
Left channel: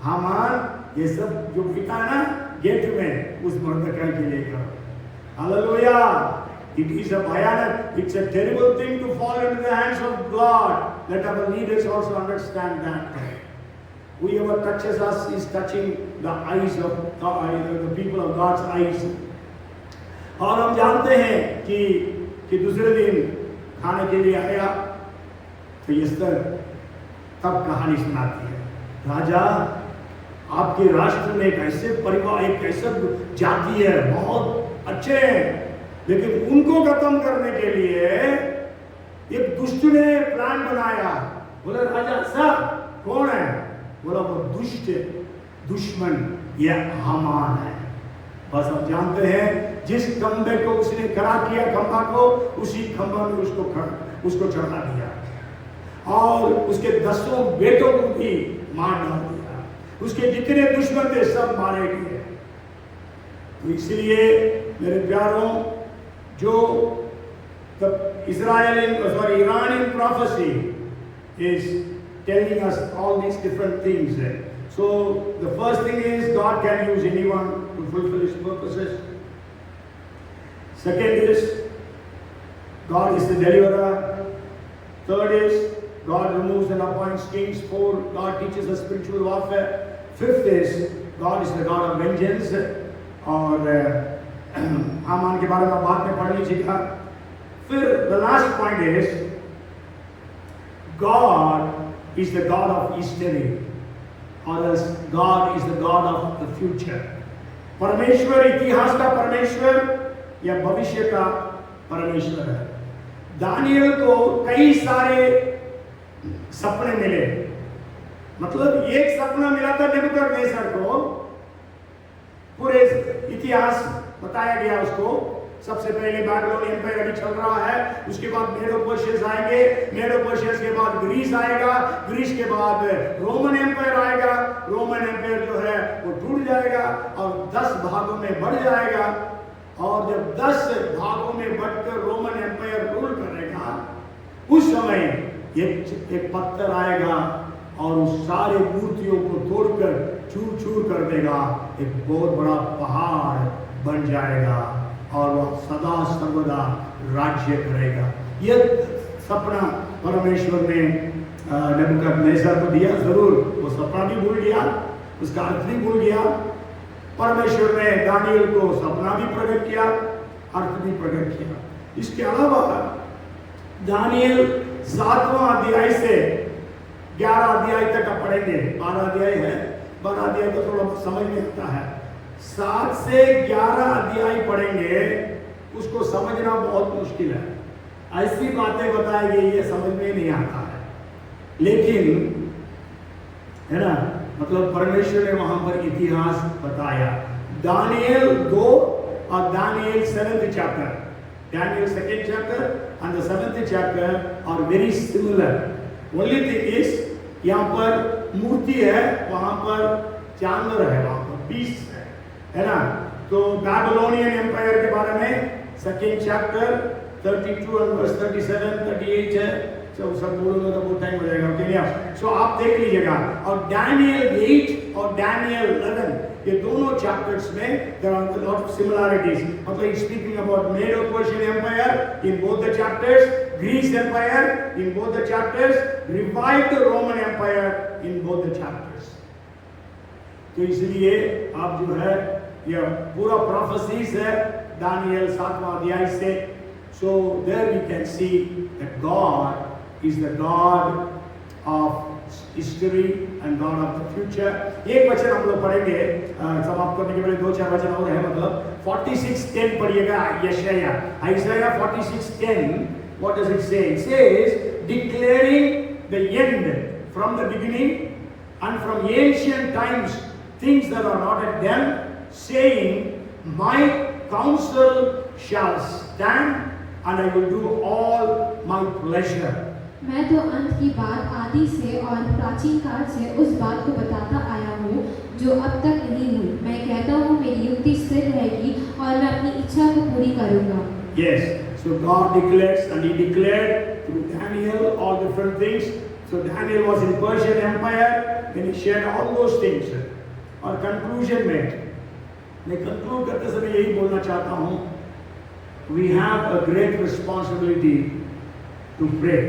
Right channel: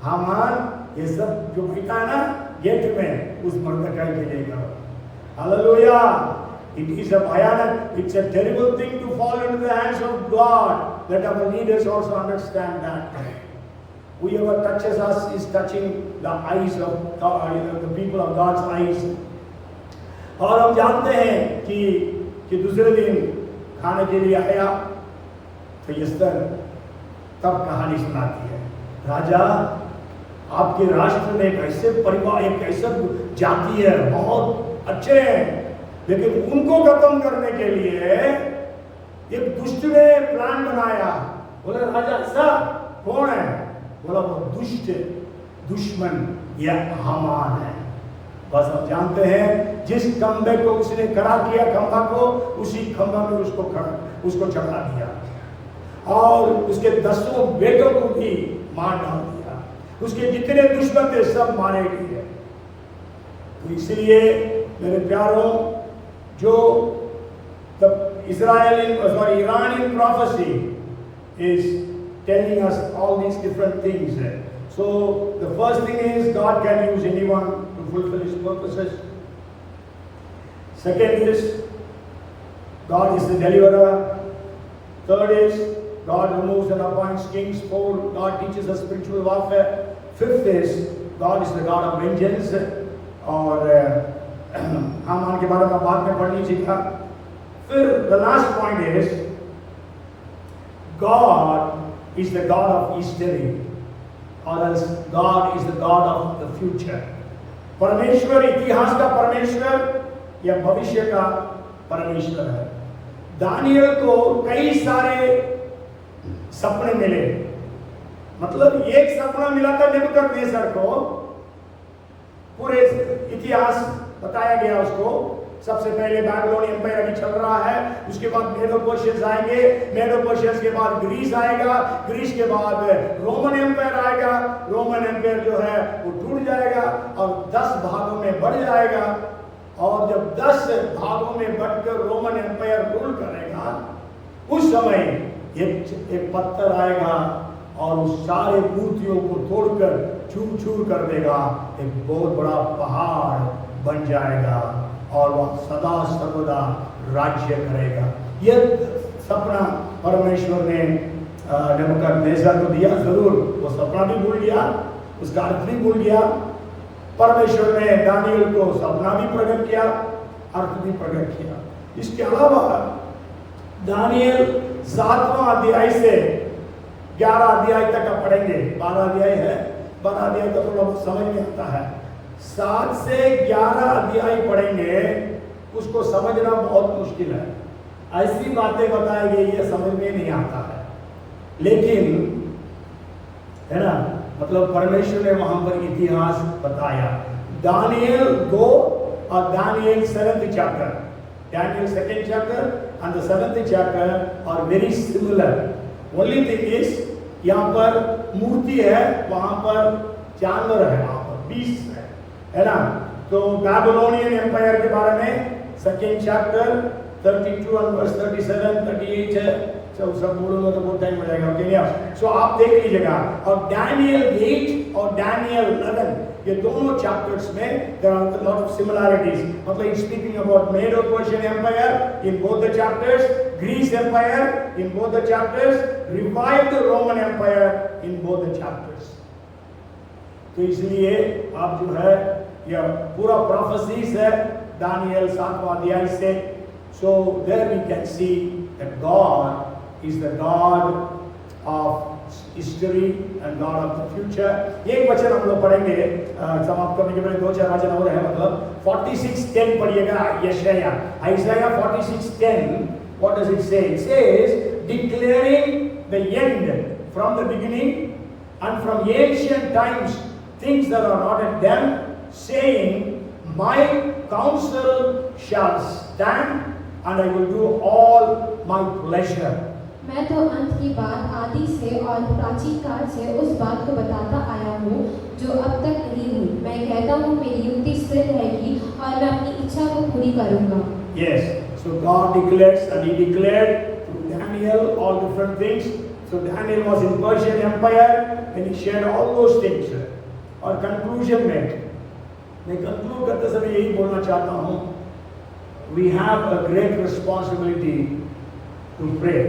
हामान, ये सब जो बिठा है ना गेट में, उस मोर्दकाई के लिए करो। Hallelujah. It is a bhayanak, it's a terrible thing to fall into the hands of God. Let our leaders also understand that. Whoever touches us is touching the eyes of the people of God's eyes. और हम जानते हैं कि दूसरे दिन खाने के लिए आया तो एस्तर तब कहानी सुनाती है, राजा आपके राष्ट्र में एक ऐसे परिवार, एक ऐसा जाति है, बहुत अच्छे हैं, लेकिन उनको खत्म करने के लिए एक दुष्ट ने प्लान बनाया। बोले राजा ऐसा कौन है? बोला वो दुष्ट दुश्मन यह हामान है। बस आप जानते हैं जिस खंबे को उसने खड़ा किया, खंबा को, उसी खंबा में उसको चढ़ा दिया और उसके 10 बेटों को भी मार डाल दिया। उसके जितने दुश्मन थे सब मारे गए। तो इसलिए मेरे प्यारों, जो Iranian prophecy is telling us all these different things. So the first thing is God can use anyone to fulfill His purposes. Second is God is the deliverer. Third is God removes and appoints kings. Fourth, God teaches us spiritual warfare. Fifth is God is the God of vengeance. और हामान के बारे में बाद में पढ़ लीजिएगा। फिर the last point is God is the God of history, or else God is the God of the future. परमेश्वर इतिहास का परमेश्वर या भविष्य का परमेश्वर है। दानियल को कई सारे सपने मिले, मतलब एक सपना मिला था नेबूकदनेस्सर को, पूरे इतिहास बताया गया उसको। सबसे पहले बाबिलोनियन एम्पायर अभी चल रहा है, उसके बाद मेडो पर्शियंस आएंगे, मेडो पर्शियंस के बाद ग्रीस आएगा, ग्रीस के बाद रोमन एम्पायर आएगा, रोमन एम्पायर जो है वो टूट जाएगा और 10 भागों में बढ़ जाएगा। और जब 10 भागों में बढ़कर रोमन एम्पायर रूल करेगा, उस समय एक पत्थर आएगा और उस सारे मूर्तियों को तोड़कर चूर चूर कर देगा, एक बहुत बड़ा पहाड़ बन जाएगा और वह सदा सर्वदा राज्य करेगा। ये सपना परमेश्वर ने नेबूकदनेस्सर को दिया। जरूर वो सपना भी भूल गया, उसका अर्थ भी भूल गया। परमेश्वर ने दानियल को सपना भी प्रकट किया, अर्थ भी प्रकट किया। इसके अलावा दानियल 7वां अध्याय से 11 अध्याय तक का पढ़ेंगे। 12 अध्याय है, 12 अध्याय तो थोड़ा बहुत समझ में आता है। 7 से 11 अध्याय पढ़ेंगे, उसको समझना बहुत मुश्किल है। ऐसी बातें बताएंगे ये समझ में नहीं आता है, लेकिन है ना, मतलब परमेश्वर ने वहां पर इतिहास बताया। दानियल 2 और Daniel 7th chapter, Daniel 2nd chapter and the 7th chapter are very similar. Only thing is यहाँ पर मूर्ति है, वहां पर जानवर है, वहां पर beast है ना। तो बैबिलोनियन एम्पायर के बारे में 2nd chapter 32 and verse 37 38 है। सब बोलूंगा तो बहुत टाइम हो जाएगा, ओके। सो आप देख लीजिएगा। और डैनियल 8 और डैनियल 11 ये दोनों चैप्टर्स में there are lot of similarities. मतलब speaking about Medo Persian empire in both the chapters, Greece empire in both the chapters, revived Roman empire in both the chapters. तो इसलिए आप जो है यह पूरा प्रोफेसीज है दानियल 7वां अध्याय से। So there we can see that God is the God of history and God of the future. एक वचन हम लोग पढ़ेंगे समाप्त करने के पहले 2-4 वचन और है। मतलब 46:10 पढ़िएगा यशाया 46:10। What does it say? It says declaring the end from the beginning and from ancient times things that are not at them, saying my counsel shall stand and I will do all my pleasure. मैं तो अंत की बात आदि से और प्राचीन काल से उस बात को बताता आया हूँ जो अब तक नहीं हुई। मैं कहता हूँ मेरी युक्ति स्थिर रहेगी और मैं अपनी इच्छा को पूरी करूँगा। Yes, so God declares and He declared through Daniel all different things. So Daniel was in Persian Empire and he shared all those things. और conclusion में मैं conclude करते समय यही बोलना चाहता हूँ, we have a great responsibility to pray.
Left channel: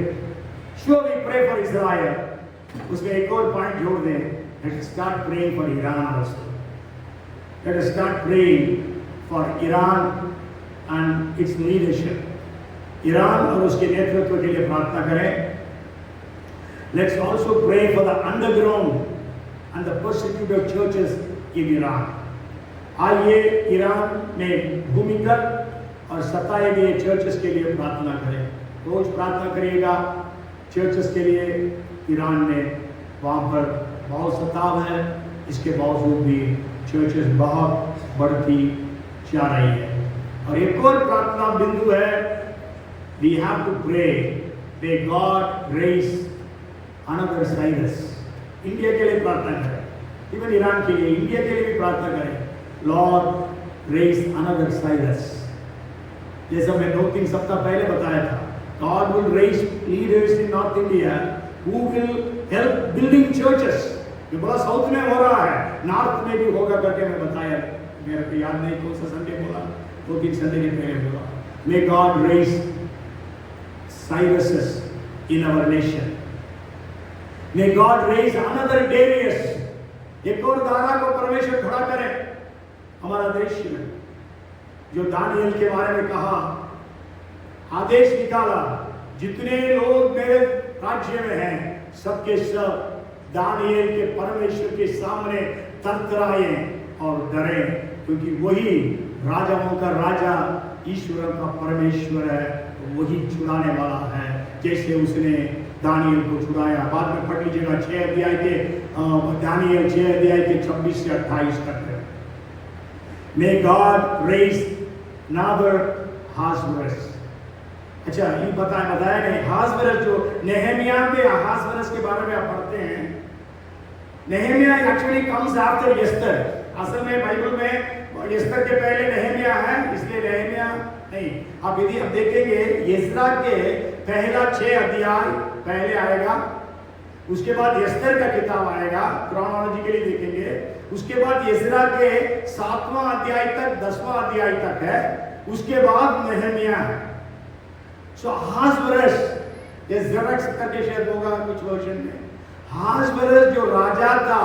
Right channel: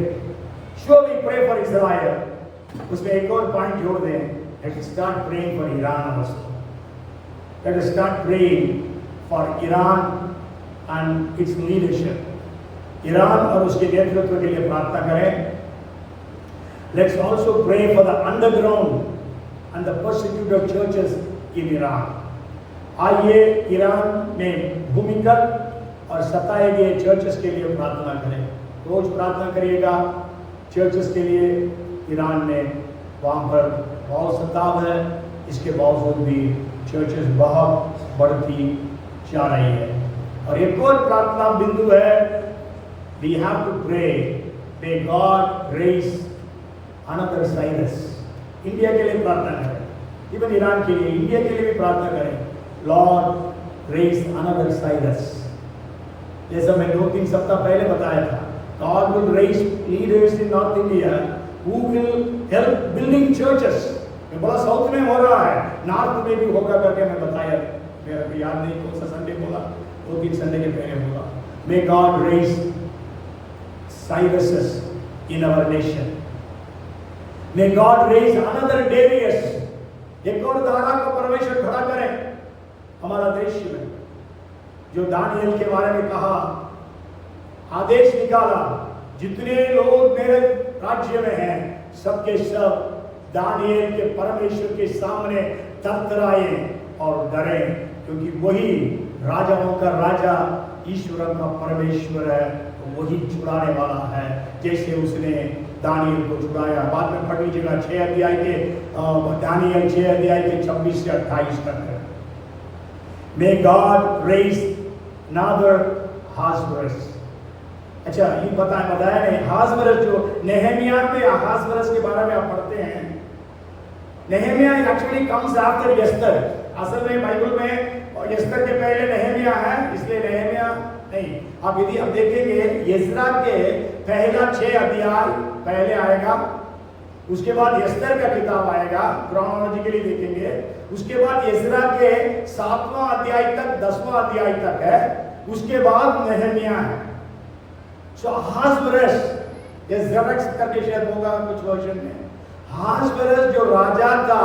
Sure, we pray for Israel. उसमें एक और पॉइंट जोड़ दें, let us start praying for Iran also. Let us start praying for Iran and its leadership. Iran और उसके नेतृत्व के लिए प्रार्थना करें। Let's also pray for the underground and the persecuted churches in Iran. आइए ईरान में भूमिगत और सताए गए चर्चेस के लिए प्रार्थना करें। रोज प्रार्थना करिएगा चर्चेस के लिए। ईरान में वहाँ पर बहुत सताव है, इसके बावजूद भी चर्चेस बहुत बढ़ती जा रही है। और एक और प्रार्थना बिंदु है, we have to pray may God raise another Cyrus। India के लिए प्रार्थना करें, इवन ईरान के लिए, इंडिया के लिए भी प्रार्थना करें। Lord raise another Cyrus। जैसा मैं 2-3 सप्ताह पहले बताया था, God will raise leaders in North India who will help building churches। ये बड़ा साउथ में हो रहा है, नॉर्थ में भी होगा करके मैं बताया। मेरे को याद नहीं कौन सा संडे बोला, 2-3 संडे के पहले बोला। May God raise Cyruses in our nation। May God raise another Darius। एक और दारा को परमेश्वर खड़ा करे हमारा देश में। जो दानियल के बारे में कहा, आदेश निकाला, जितने लोग मेरे राज्य में हैं सबके सब दानियल के परमेश्वर के सामने थरथराए और डरे, क्योंकि वही राजाओं का राजा ईश्वर का परमेश्वर है, वही छुड़ाने वाला है, जैसे उसने दानियल को छुड़ाया। बाद में पढ़ लीजिएगा 6 अध्याय के दानियल 6 अध्याय के 26 से 28 तक है। May God raise another Ahasuerus। अच्छा, ये बताया नहीं, Ahasuerus जो नेहेमिया में Ahasuerus के बारे में आप पढ़ते हैं। नेहेमिया एक्चुअली कम्स आफ्टर एस्तर। असल में बाइबल में एस्तर के पहले नेहेमिया है, इसलिए नेहेमिया नहीं। अब यदि हम देखेंगे एज्रा के पहला 6 अध्याय पहले आएगा, उसके बाद एस्तर का किताब आएगा, क्रोनोलॉजिकली देखेंगे। उसके बाद एज्रा के 7वां अध्याय तक 10वां अध्याय तक है, उसके बाद नेहेमिया है। सो Ahasuerus ये ज़ेरक्स करके शायद होगा कुछ वर्जन में। Ahasuerus जो राजा था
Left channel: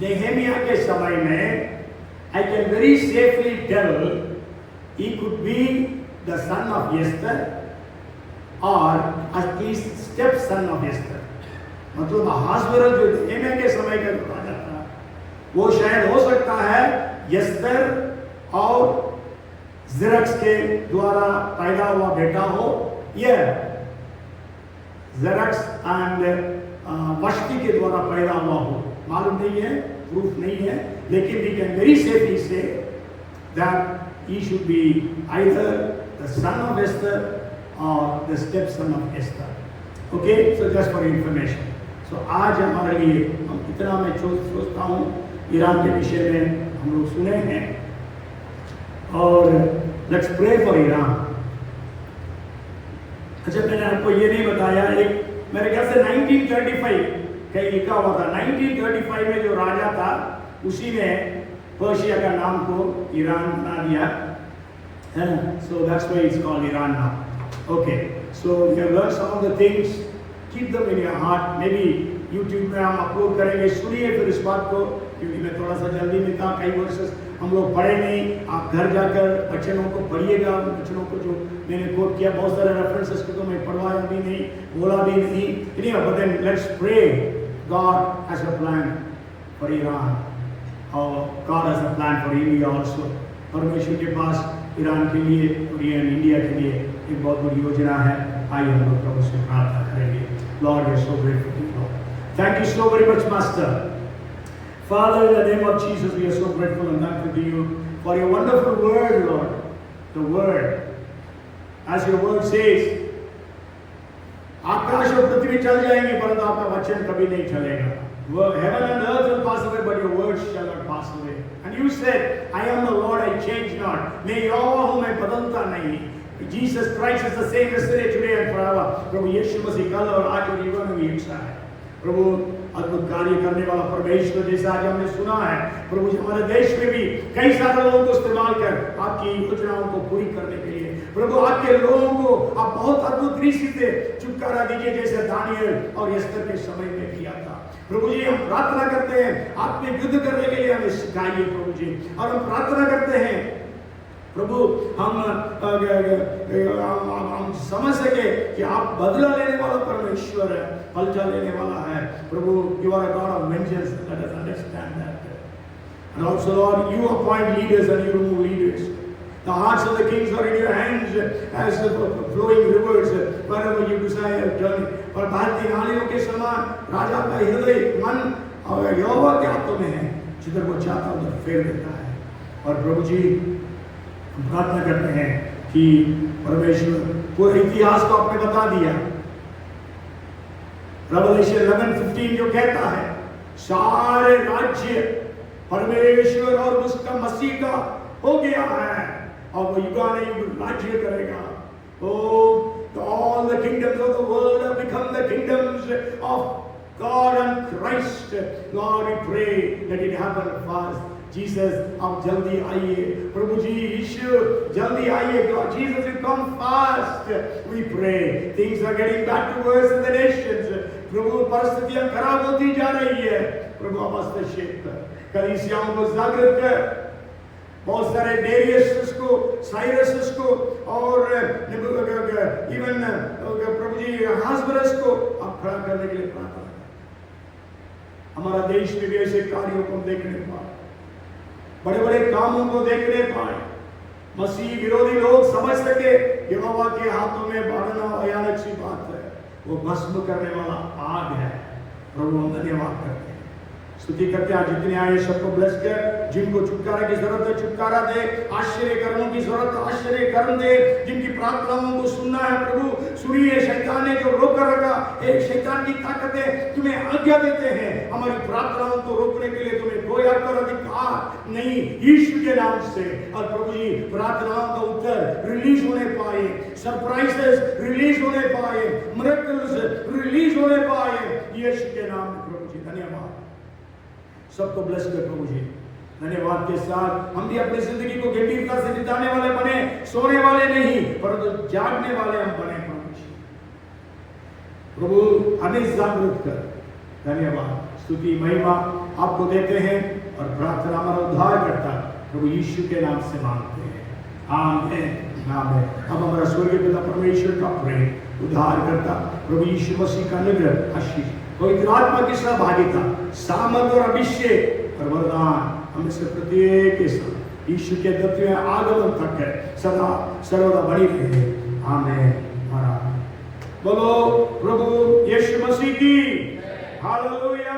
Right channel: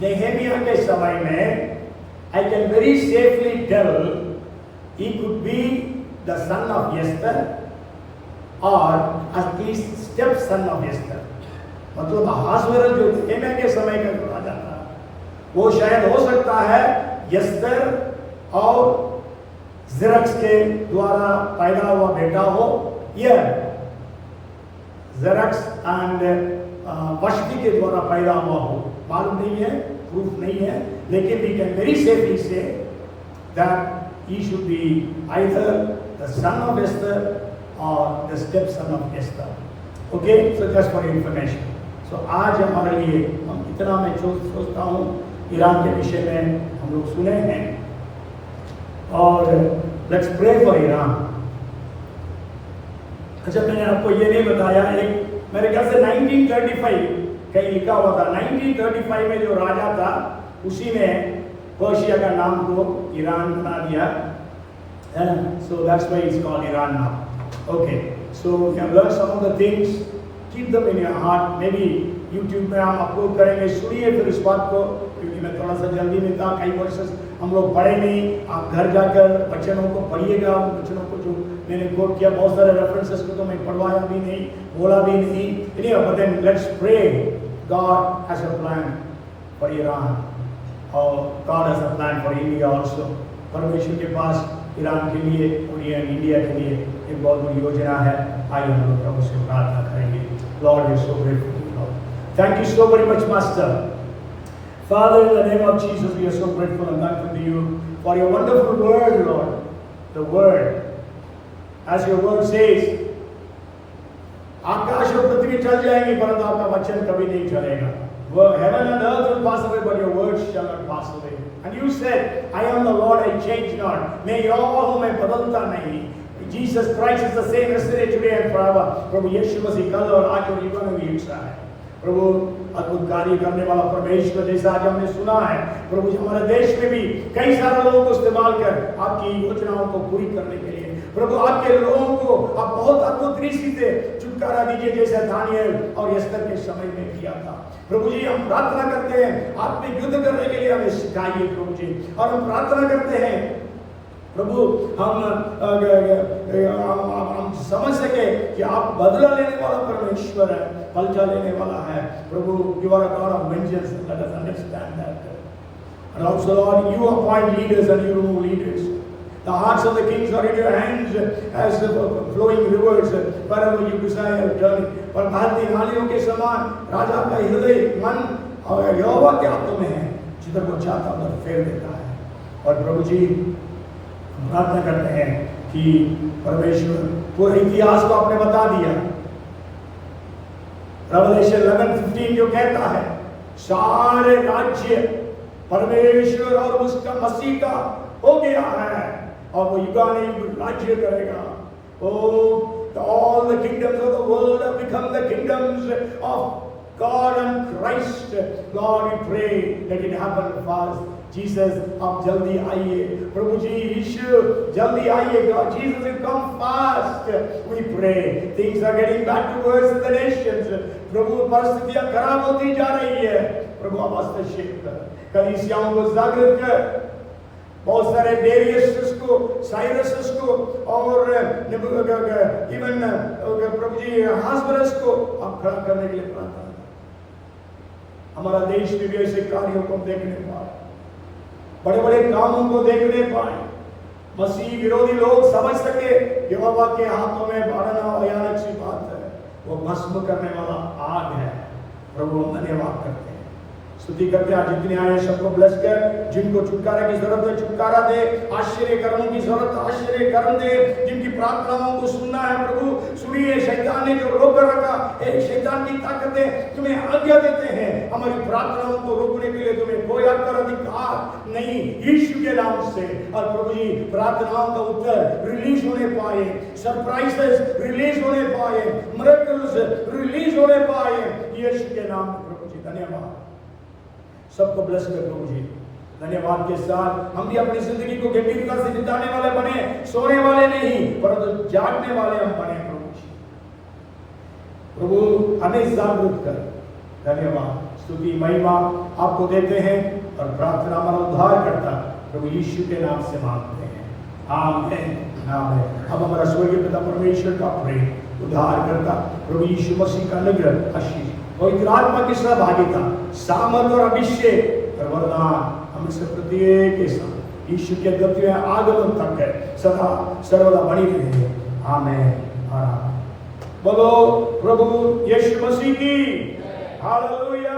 नेहेमिया के समय में, I can very safely tell he could be the son of Esther or at least stepson of Esther। मतलब Ahasuerus जो नेहेमिया के समय का जो राजा था, वो शायद हो सकता है एस्तर और ज़ेरक्स के द्वारा पैदा हुआ बेटा हो, या ज़ेरक्स एंड वश्ति के द्वारा पैदा हुआ हो। मालूम नहीं है, प्रूफ नहीं है, लेकिन we can very safely say that he should be either the son of Esther or the stepson of Esther. Okay, so just for your information. So आज हमारे लिए हम इतना मैं सोचता हूँ ईरान के विषय में हम लोग सुने हैं, और let's pray for ईरान। अच्छा, मैंने आपको ये नहीं बताया, एक मेरे ख्याल से 1935 कहीं लिखा हुआ था, 1935 में जो राजा था उसी ने पर्शिया का नाम को ईरान बना दिया है ना, so that's why it's called Iran now. Okay, so you have learned some of the things, keep them in your heart. Maybe YouTube में हम अपलोड करेंगे, सुनिए फिर इस बात को, क्योंकि मैं थोड़ा सा जल्दी में था, कई वर्ष हम लोग पढ़े नहीं। आप घर जाकर वचनों को पढ़िएगा, उन वचनों को जो मैंने कोट किया, बहुत सारे रेफरेंसेस को तो मैं पढ़वाया भी नहीं, बोला भी नहीं, but then let's pray. God has a plan for Iran, और God has a plan for India also. परमेश्वर के पास ईरान के लिए और इंडिया के लिए एक बहुत बड़ी योजना है। आइए हम लोग प्रभु से प्रार्थना करेंगे। Lord, we are so grateful to you, Lord. Thank you so very much, Master. Father, in the name of Jesus, we are so grateful and thankful to you for your wonderful word, Lord. The word, as your word says, आकाश और पृथ्वी चल जाएंगे परंतु आपका वचन कभी नहीं चलेगा। Heaven and earth will pass away, but your words shall not pass away. And you said, I am the Lord, I change not. मैं यहोवा हूँ, मैं बदलता नहीं। Jesus Christ is the same yesterday, today and forever. प्रभु यीशु मसीह कल और आज और जीवन में भी एक सा है। प्रभु अद्भुत कार्य करने वाला परमेश्वर, जैसा आज हमने सुना है प्रभु जी, हमारे देश में भी कई सारे लोगों को इस्तेमाल कर आपकी योजनाओं को पूरी करने के लिए प्रभु आपके लोगों को आप बहुत अद्भुत रीति से छुटकारा दीजिए, जैसे दानिएल और एस्तर के समय में किया था। प्रभु जी, हम प्रार्थना करते हैं आप में युद्ध करने के लिए हमें सिखाइए प्रभु जी, और हम प्रार्थना करते हैं प्रभु हम समझ सके कि आप बदला लेने वाला परमेश्वर है, बदला लेने वाला है प्रभु। You are a God of vengeance, let us understand that. And also Lord, you appoint leaders and you remove leaders. The hearts of the kings are in your hands as flowing rivers wherever you desire turning. पर बहती नालियों के समान राजा का हृदय मन और यहोवा के हाथों में है, जिधर वो चाहता उधर फेर देता है। और प्रभु जी, हम प्रार्थना करते हैं कि परमेश्वर पूरे इतिहास को आपने बता दिया। रेवलेशन 11:15 जो कहता है सारे राज्य परमेश्वर और उसका मसीह का हो गया है और वो युगानुयुग राज्य करेगा। all the kingdoms of the world have become the kingdoms of God and Christ. Lord, we pray that it happen fast. Jesus, आप जल्दी आइए। प्रभु जी यीशु जल्दी आइए। God, Jesus, you come fast. We pray. Things are getting back to worse in the nations. प्रभु परिस्थितियां खराब होती जा रही है। प्रभु आप हस्तक्षेप कर, कलीसियाओं को जागृत कर, बहुत सारे डेरियस को, साइरस को और इवन प्रभु जी हास्बरस को आप खड़ा करने के लिए प्रार्थना। हमारा देश में भी ऐसे कार्यों को देखने पाए, बड़े बड़े कामों को देखने पाए, मसीह विरोधी लोग समझ सके यहोवा के हाथों में बढ़ना भयानक सी बात है, वो भस्म करने वाला आग है। प्रभु हम धन्यवाद करते हैं, स्तुति करते हैं। जितने आए सबको ब्लेस कर, जिनको छुटकारा की जरूरत है छुटकारा दे, आश्चर्य कर्मों की जरूरत है आश्चर्य कर्म दे, जिनकी प्रार्थनाओं को सुनना है प्रभु सुनिए। शैतान ने जो रोक रखा, एक शैतान की ताकतें तुम्हें आज्ञा देते हैं हमारी प्रार्थनाओं को रोकने के लिए, तुम्हें कोई पर अधिकार नहीं यीशु के नाम से। और प्रभु जी प्रार्थनाओं का उत्तर रिलीज होने पाए, सरप्राइजेस रिलीज होने पाए, मिरेकल्स रिलीज होने पाए यीशु के नाम में। प्रभु जी धन्यवाद, सबको ब्लेस कर प्रभु जी। धन्यवाद के साथ हम भी अपनी जिंदगी को गंभीरता से बिताने वाले बने, सोने वाले नहीं परंतु जागने वाले हम बने प्रभु जी। प्रभु हमें जागृत कर। धन्यवाद, स्तुति महिमा आपको देते हैं और प्रार्थना हमारा उद्धार करता प्रभु यीशु के नाम से मांगते हैं, आमीन आमीन। अब हमारा स्वर्गीय पिता परमेश्वर का प्रेम, उद्धार करता प्रभु यीशु मसीह का अनुग्रह, आशीष, पवित्र आत्मा की सहभागिता, सामर्थ और अभिषेक और वरदान हम से प्रत्येक के साथ यीशु के द्वितीय आगमन तक है सदा सर्वदा बनी रहे। आमीन और आमीन। बोलो प्रभु यीशु मसीह की हालेलुया।